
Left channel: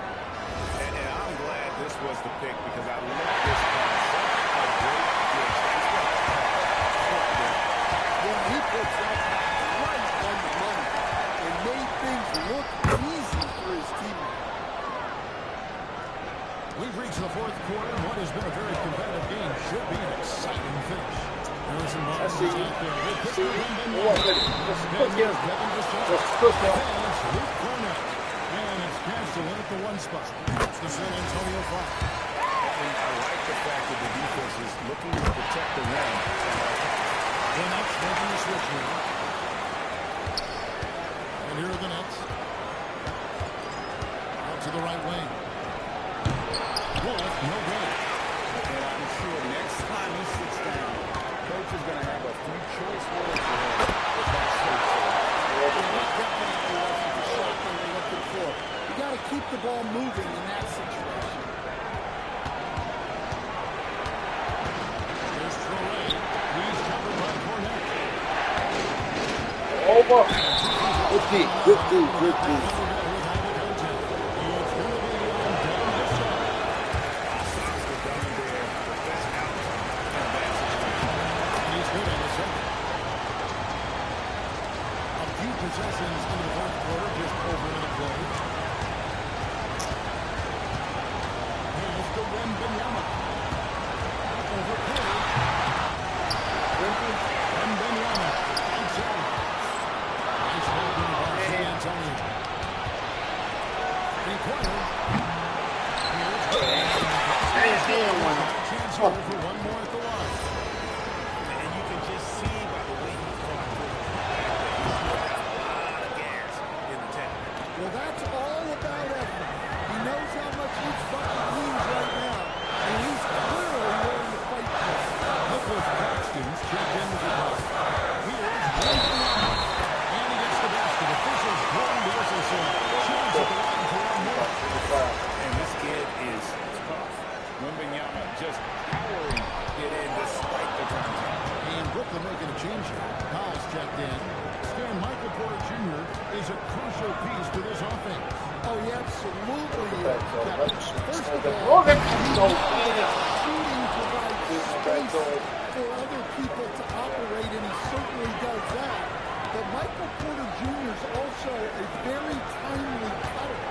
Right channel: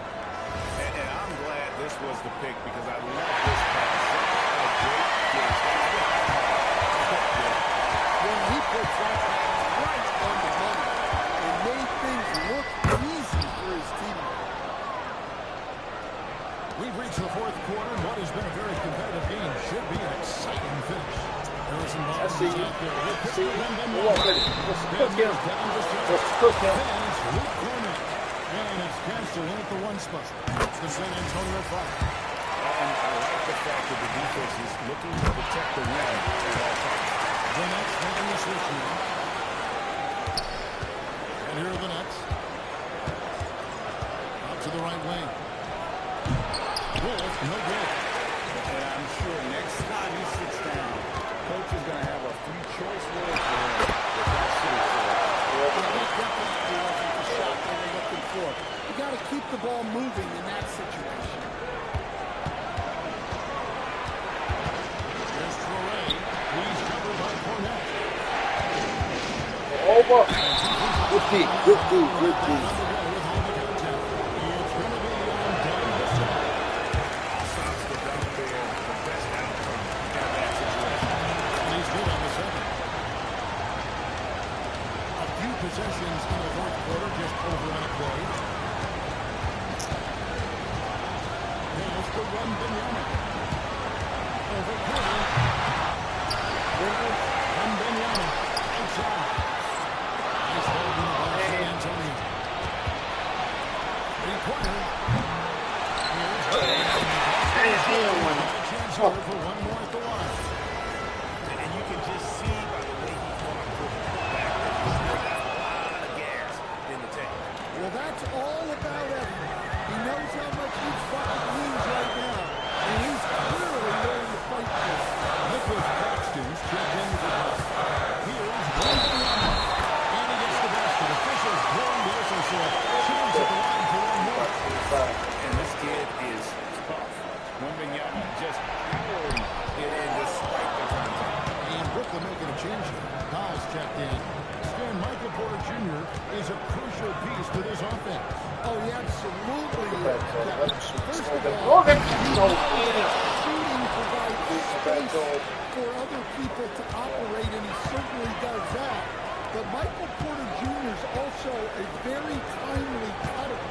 And I'm glad this was the pick because I love this pass. Such a great dish. That's what I call it. When he puts that pass right on the money and made things look easy for his teammates. We've reached the fourth quarter, and what has been a very competitive game should be an exciting finish. Harrison Barnes is out there with Victor Wembanyama. Then there's Devin Vassell. Then it's Luke Cornette. And it's Castle in at the 1 spot. It's the San Antonio Foul. And I like the fact that the defense is looking to protect the rim at all times. The Nets making the switch here. And here are the Nets. Out to the right wing. Wolf, no good. And I'm sure next time he sits down, coach is going to have a few choice words for him with that shot selection. Yeah, that definitely wasn't the shot they were looking for. You got to keep the ball moving in that situation. There's Traore. He's covered by Cornette. Over. Good D. Good D. Good D. It's going to be on Devin Vassell. Stops the dunk there. The best outcome in a bad situation. And he's good on the second. A few possessions into the fourth quarter, just over a minute played. to Wembanyama. Over Porter. Wembanyama. Outside. Nice ball in the ball, San Antonio. Three-pointer. Here's a chance here for one more at the line. And you can just see by the way he fought for the putback that he still got a lot of gas in the tank. Well, that's all about effort. He knows how much each bucket means right now, and he's clearly willing to fight for it. Nicholas Claxton's checked in with the ball. Here's Wembanyama. And he gets the basket. Officials blowing the whistle, so a chance at the line for one more. And this kid is tough. Wembanyama just powering it in despite the contact. And Brooklyn making a change here. Powell's checked in. Stan Michael Porter Jr. is a crucial piece to this offense. Oh, he absolutely is. First of all, shooting provides space for other people to operate, and he certainly does that. But Michael Porter Jr. is also a very timely cutter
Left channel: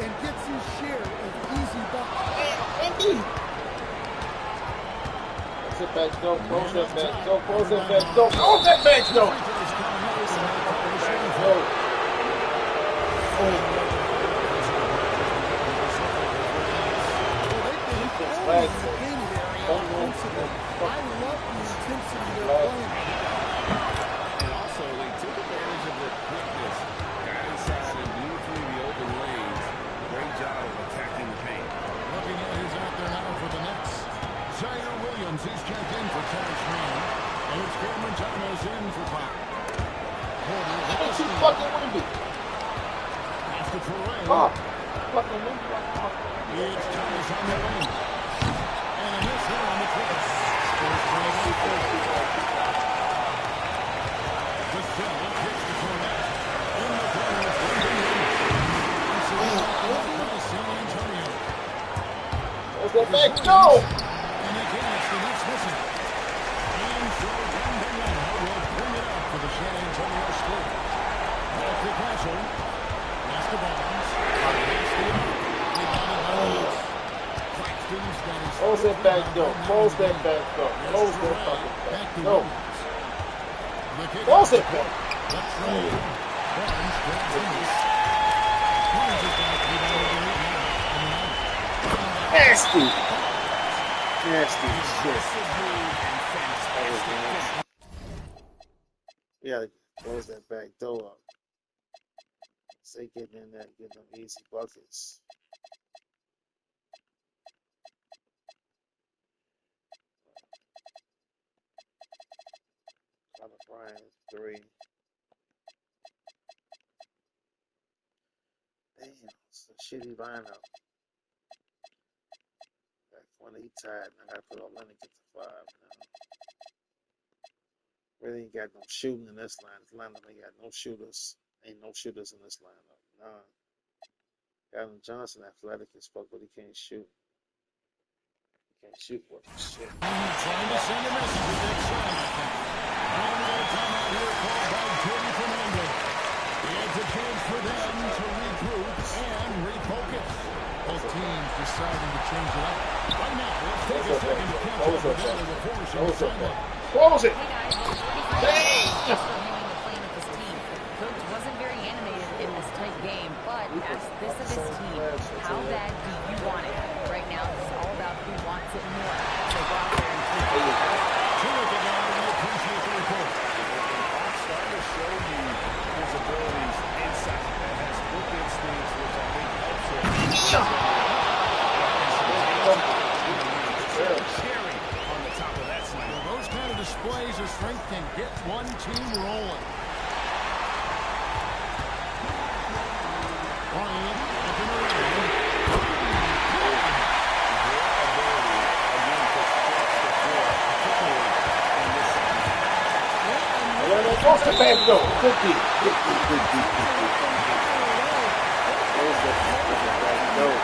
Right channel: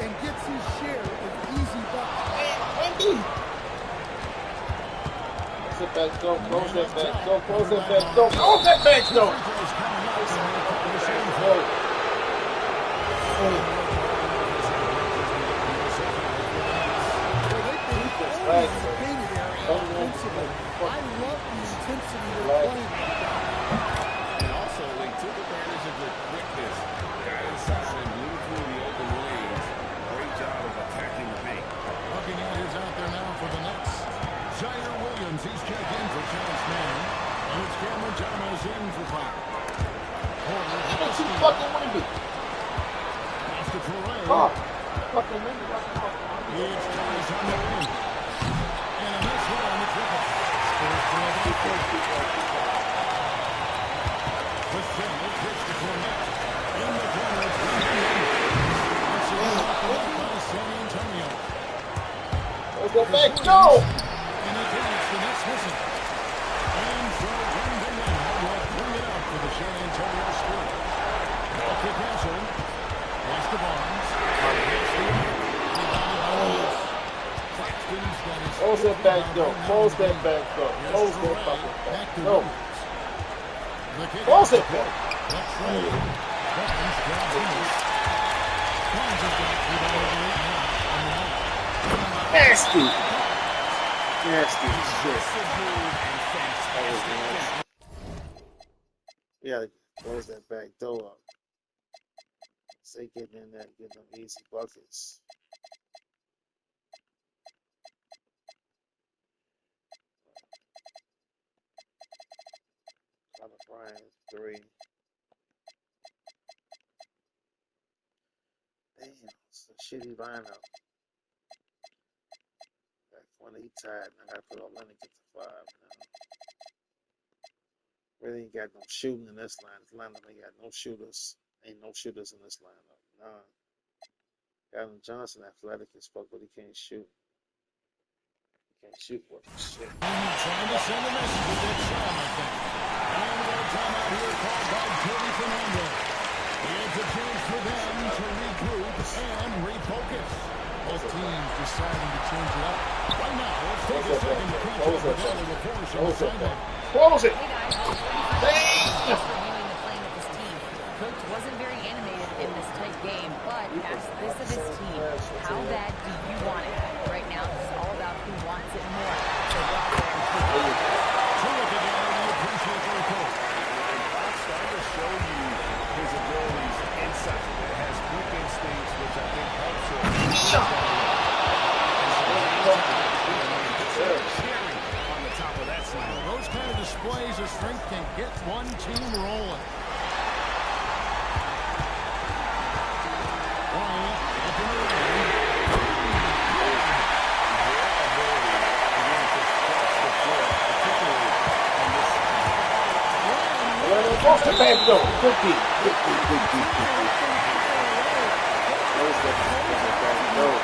and gets his share of easy buckets. Close it back, go. Close that back, go. Close that back, go. Close that back, go. Well, they've been in the painted area offensively. I love the intensity they're playing. And also, they took advantage of their quickness, got inside and blew through the open lanes. Great job of attacking the paint. Looking at who's out there now for the Nets. Zaire Williams, he's checked in for Terrence Mann. And it's Cameron Thomas in for Pop. Porter with the steal. Fucking windy. Pass to Toure. Fucking windy right now. It's Thomas on the wing. And a miss here on the triple. Spurs trail by 4. Vassell kicks to Cornette. In the corner, it's Wembanyama. Once again off the mark by San Antonio. Close that back, go. And again, it's the Nets missing. And so Wembanyama will bring it up for the San Antonio Spurs. Back to Castle. Pass to Barnes. Against the arc. Rebounded by Lewis. Claxton's got his... Close that back, go. Close that back, go. Close that fucking back back, to go. Williams. The kick Close out it to back. Left side. Barnes grabs the miss. Barnes has got rebound over 8 now on the night. Nasty. Nasty shit. Aggressive move and fantastic. Yeah, close that back door up. Say getting in there, getting them easy buckets. Connor Bryant, 3. Damn, it's a shitty lineup. Back when he tied, I gotta put Olenek at the 5 now. Really ain't got no shooting in this line. This lineup ain't got no shooters. Ain't no shooters in this lineup. Nah. Gavin Johnson, athletic as fuck, but he can't shoot. He can't shoot worth shit. Trying to send a message with that slam, I think. And we got a timeout here called by Jordy Fernando. It's a chance for them to regroup and refocus. Both teams deciding to change it up. Right now, let's take a second to catch up with Ellie force on the sideline. Close it! Hey guys, well, Jordy Fernando was just reviewing the playing of his team. Coach wasn't very animated in this tight game, but asked this of his team: how bad do you want it? Right now, it's all about who wants it more. So go out there and take it. Terrific, Ellie. We appreciate the report. And Fox starting to show you his abilities inside. That has quick instincts, which I think helps him. Cherry on the top of that slam. Well, those kind of displays of strength can get one team rolling. Bryant looking around. Their ability, again, to stretch the floor, particularly in this second half. Close the back door. Good D. Good D, good D, good D. Close that back door.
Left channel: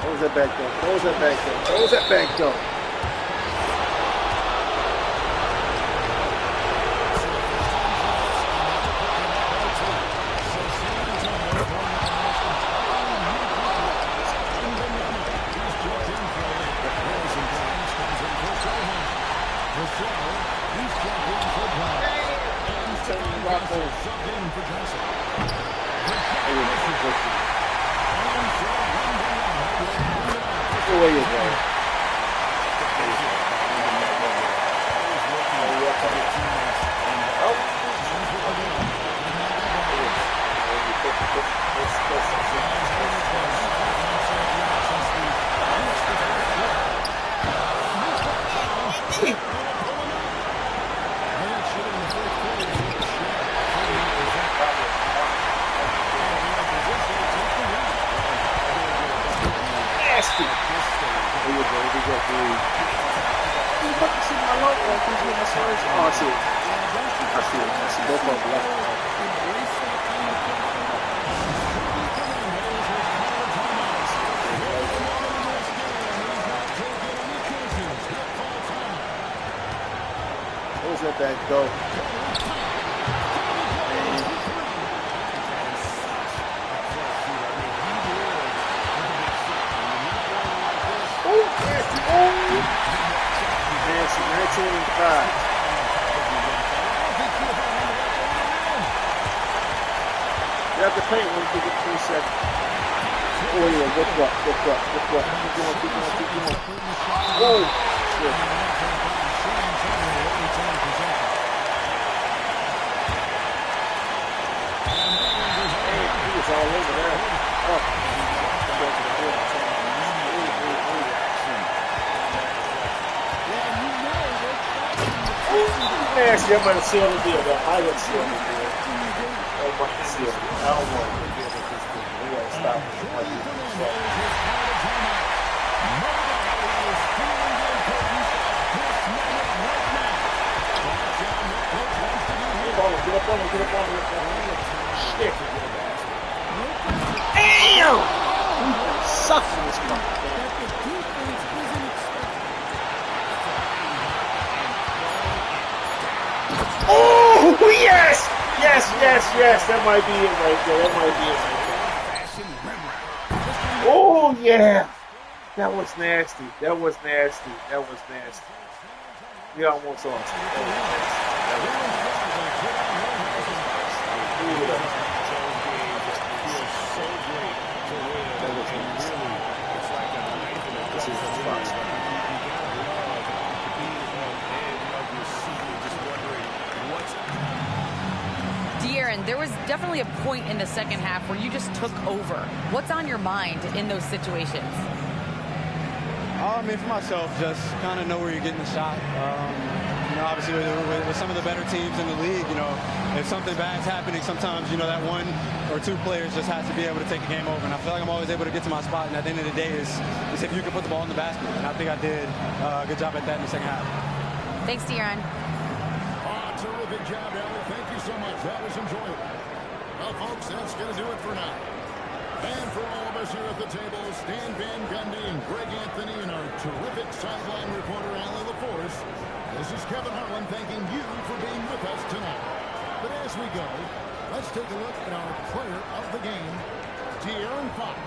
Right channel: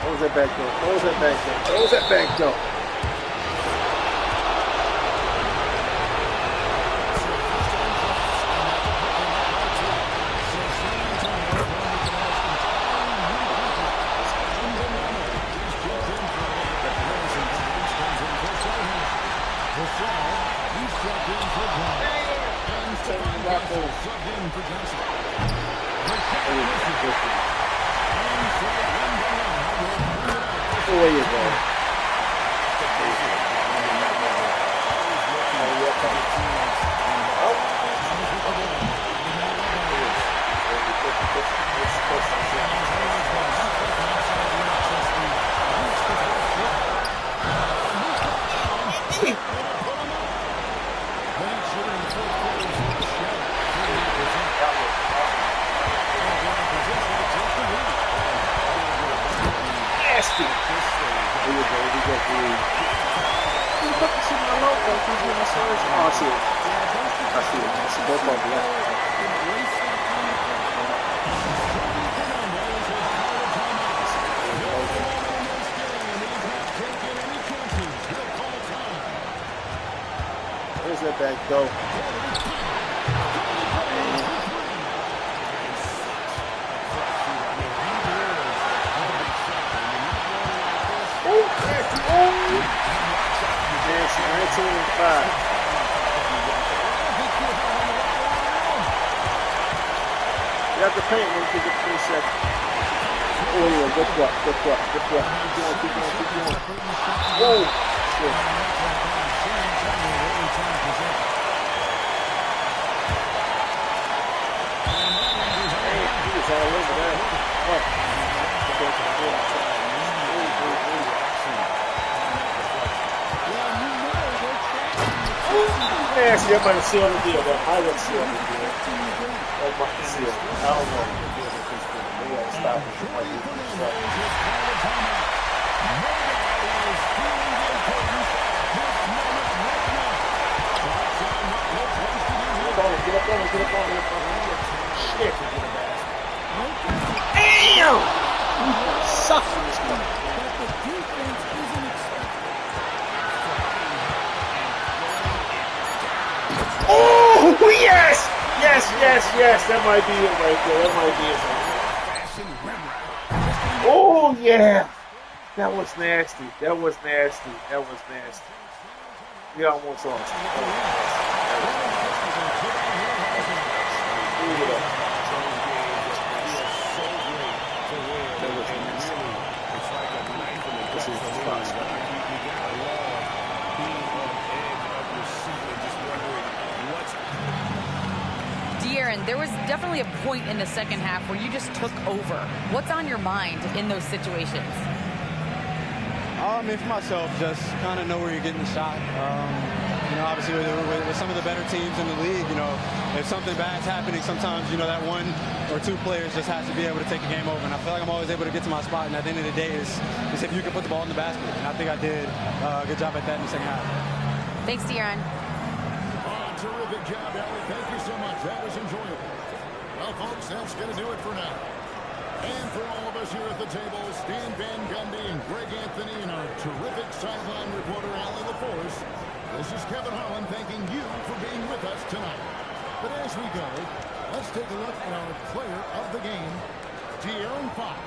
Close that back door. Close that back door. Close that back door. for Johnson. The shot misses. And so one down will bring it out. There you go. Nasty. There you go. We got the. You fucking see my logo? Who's in my Spurs? Oh, I see it. I see it. I see both of them left. Embrace that kind of pressure. Fernandez has called a timeout. No moment in this game. He's not taking any chances. He'll call time. Where's that back go? Nasty. Oh! Nasty. 19-5. You have to paint when you get 3 seconds. Oh, yeah. Good block. Good block. Good block. Keep going. Keep going. Keep going. Oh! Shit. Damn, he was all over there. Oh. Nasty, that might have sealed the deal. That might have sealed the deal. That might have sealed it. I don't know. We gotta stop it. No doubt he is feeling the importance of this moment right now. Thoughts on what Coach wants to do here? Get up on him. Get up on him. Shit. Damn! He's gonna suck in this cup. That the defense isn't expecting. Oh, yes! Yes. That might be it right there. That might be it right there. Oh, yeah. That was nasty. We almost lost. It's like a knife in the gut for me. You gotta love being on edge of your seat and just wondering what's. De'Aaron, there was definitely a point in the second half where you just took over. What's on your mind in those situations? I mean, for myself, just kind of know where you're getting the shot. Obviously with some of the better teams in the league, if something bad's happening, sometimes, that one or two players just has to be able to take the game over. And I feel like I'm always able to get to my spot. And at the end of the day is if you can put the ball in the basket. And I think I did a good job at that in the second half. Thanks, De'Aaron. Oh, terrific job, Ellie. Thank you so much. That was enjoyable. Well, folks, that's going to do it for now. And for all of us here at the table, Stan Van Gundy and Greg Anthony and our terrific sideline reporter, Allie LaForce, this is Kevin Harlan thanking you for being with us tonight. But as we go, let's take a look at our player of the game, De'Aaron Fox.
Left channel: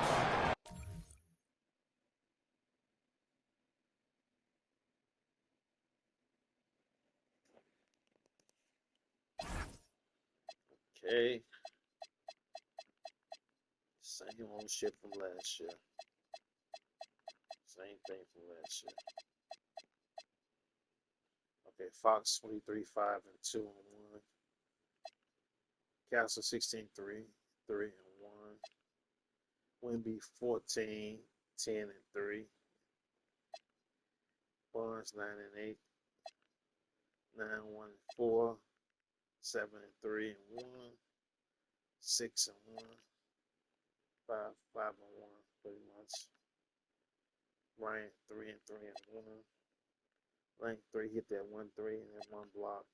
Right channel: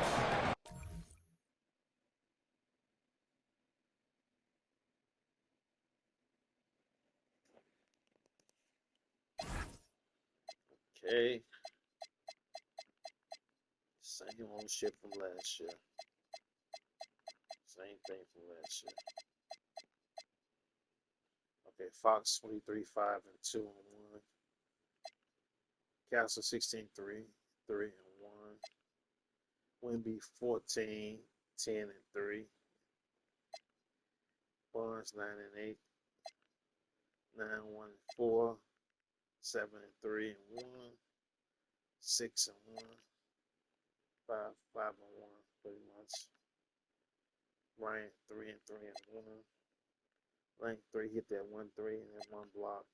Okay. Same old shit from last year. Same thing from last year. Okay, Fox 23-5-2 and 1. Castle 16-3, 3 and 1. Wimby 14, 10 and 3. Barnes 9 and 8. 9, 1 and 4. 7 and 3 and 1. 6 and 1. 5 and 1, pretty much. Ryan 3 and 3 and 1. Lang 3 hit that 1 3 and then 1 block.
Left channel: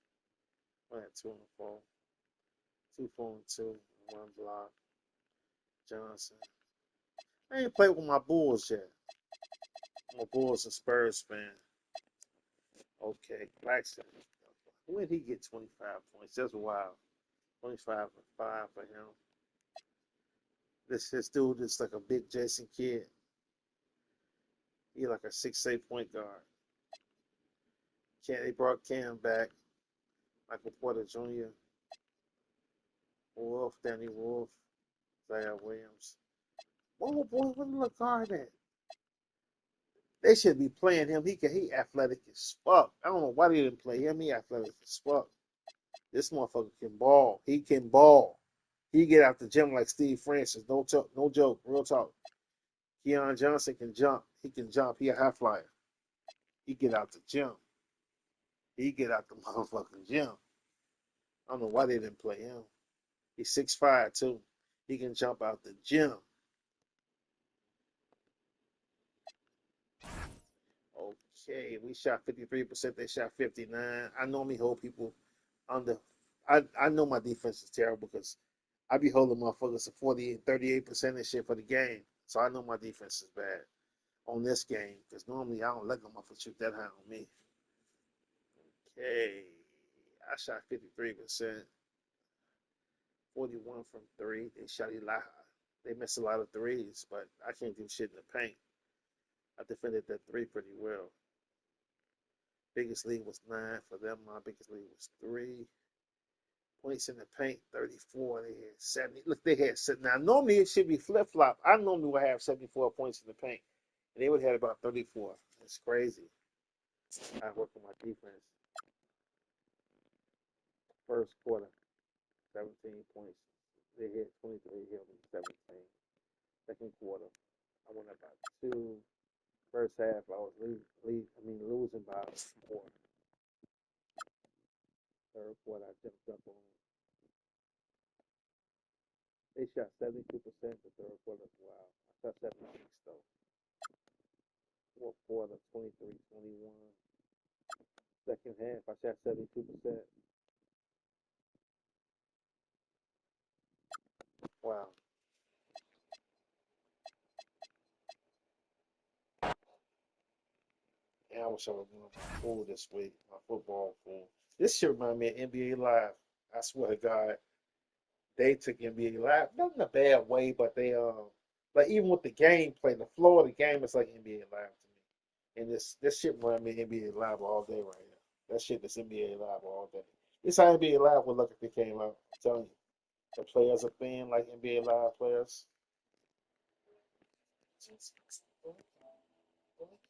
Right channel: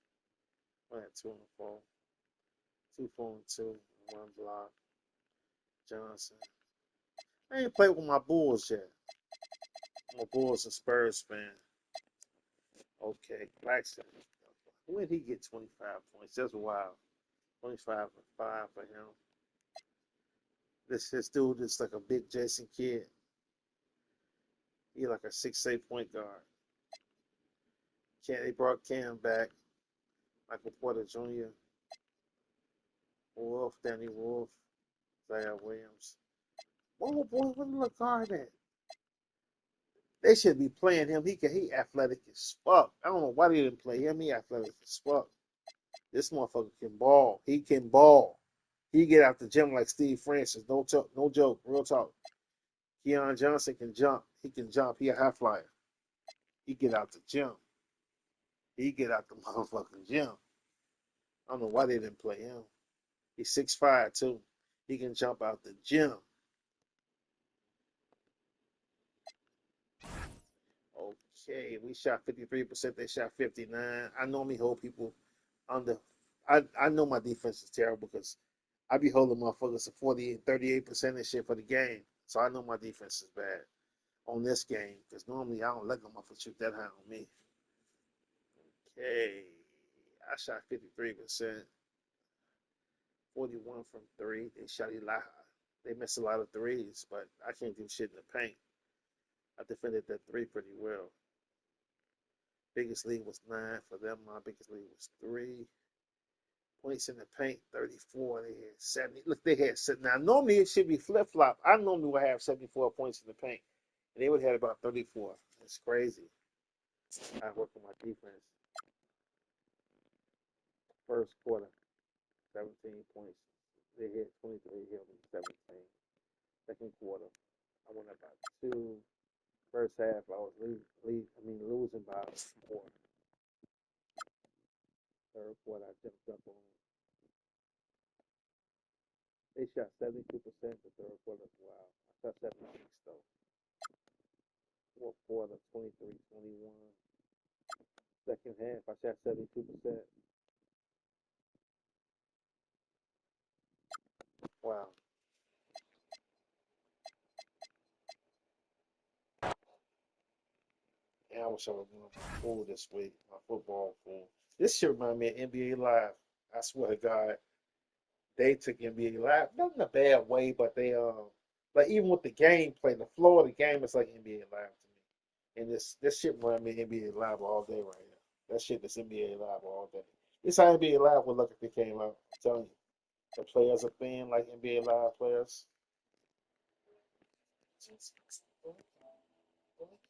I had 2 and 4. 2, 4 and 2 and 1 block. Johnson. I ain't played with my Bulls yet. I'm a Bulls and Spurs fan. Okay, Claxton. When did he get 25 points? That's wild. 25 and 5 for him. This dude is like a big Jason Kidd. He like a 6'8" point guard. They brought Cam back. Michael Porter Jr. Wolf, Danny Wolf, Zaire Williams. Oh boy, what the guard at? They should be playing him. He athletic as fuck. I don't know why they didn't play him. He athletic as fuck. This motherfucker can ball. He can ball. He get out the gym like Steve Francis. No talk, no joke. Real talk. Keon Johnson can jump. He can jump. He a high flyer. He get out the gym. He get out the motherfucking gym. I don't know why they didn't play him. He's 6'5" too. He can jump out the gym. Okay, we shot 53%. They shot 59. I normally hold people under. I know my defense is terrible because I be holding motherfuckers to 40, 38% and shit for the game. So I know my defense is bad on this game because normally I don't let them motherfuckers shoot that high on me. Okay, I shot 53%, 41 from three. They shot a lot. They missed a lot of threes, but I can't do shit in the paint. I defended that three pretty well. Biggest lead was 9 for them. My biggest lead was 3 points in the paint, 34. They had 70. Look, they had now. Normally it should be flip flop. I normally would have 74 points in the paint, and they would have had about 34. It's crazy. I work on my defense. First quarter, 17 points. They hit 23. Hit me 17. Second quarter, I went up by 2. First half, I was losing by 4. Third quarter, I jumped up on. They shot 72% the third quarter. Wow. I shot 76 though. Fourth quarter, 23-21. Second half, I shot 72%. Wow. And I wish I was going to my pool this week, my football pool. This shit remind me of NBA Live. I swear to God, they took NBA Live, not in a bad way, but they like even with the gameplay, the flow of the game is like NBA Live to me. And this shit remind me of NBA Live all day right now. That shit is NBA Live all day. This how NBA Live would look if it came out. I'm telling you, the players are thin like NBA Live players.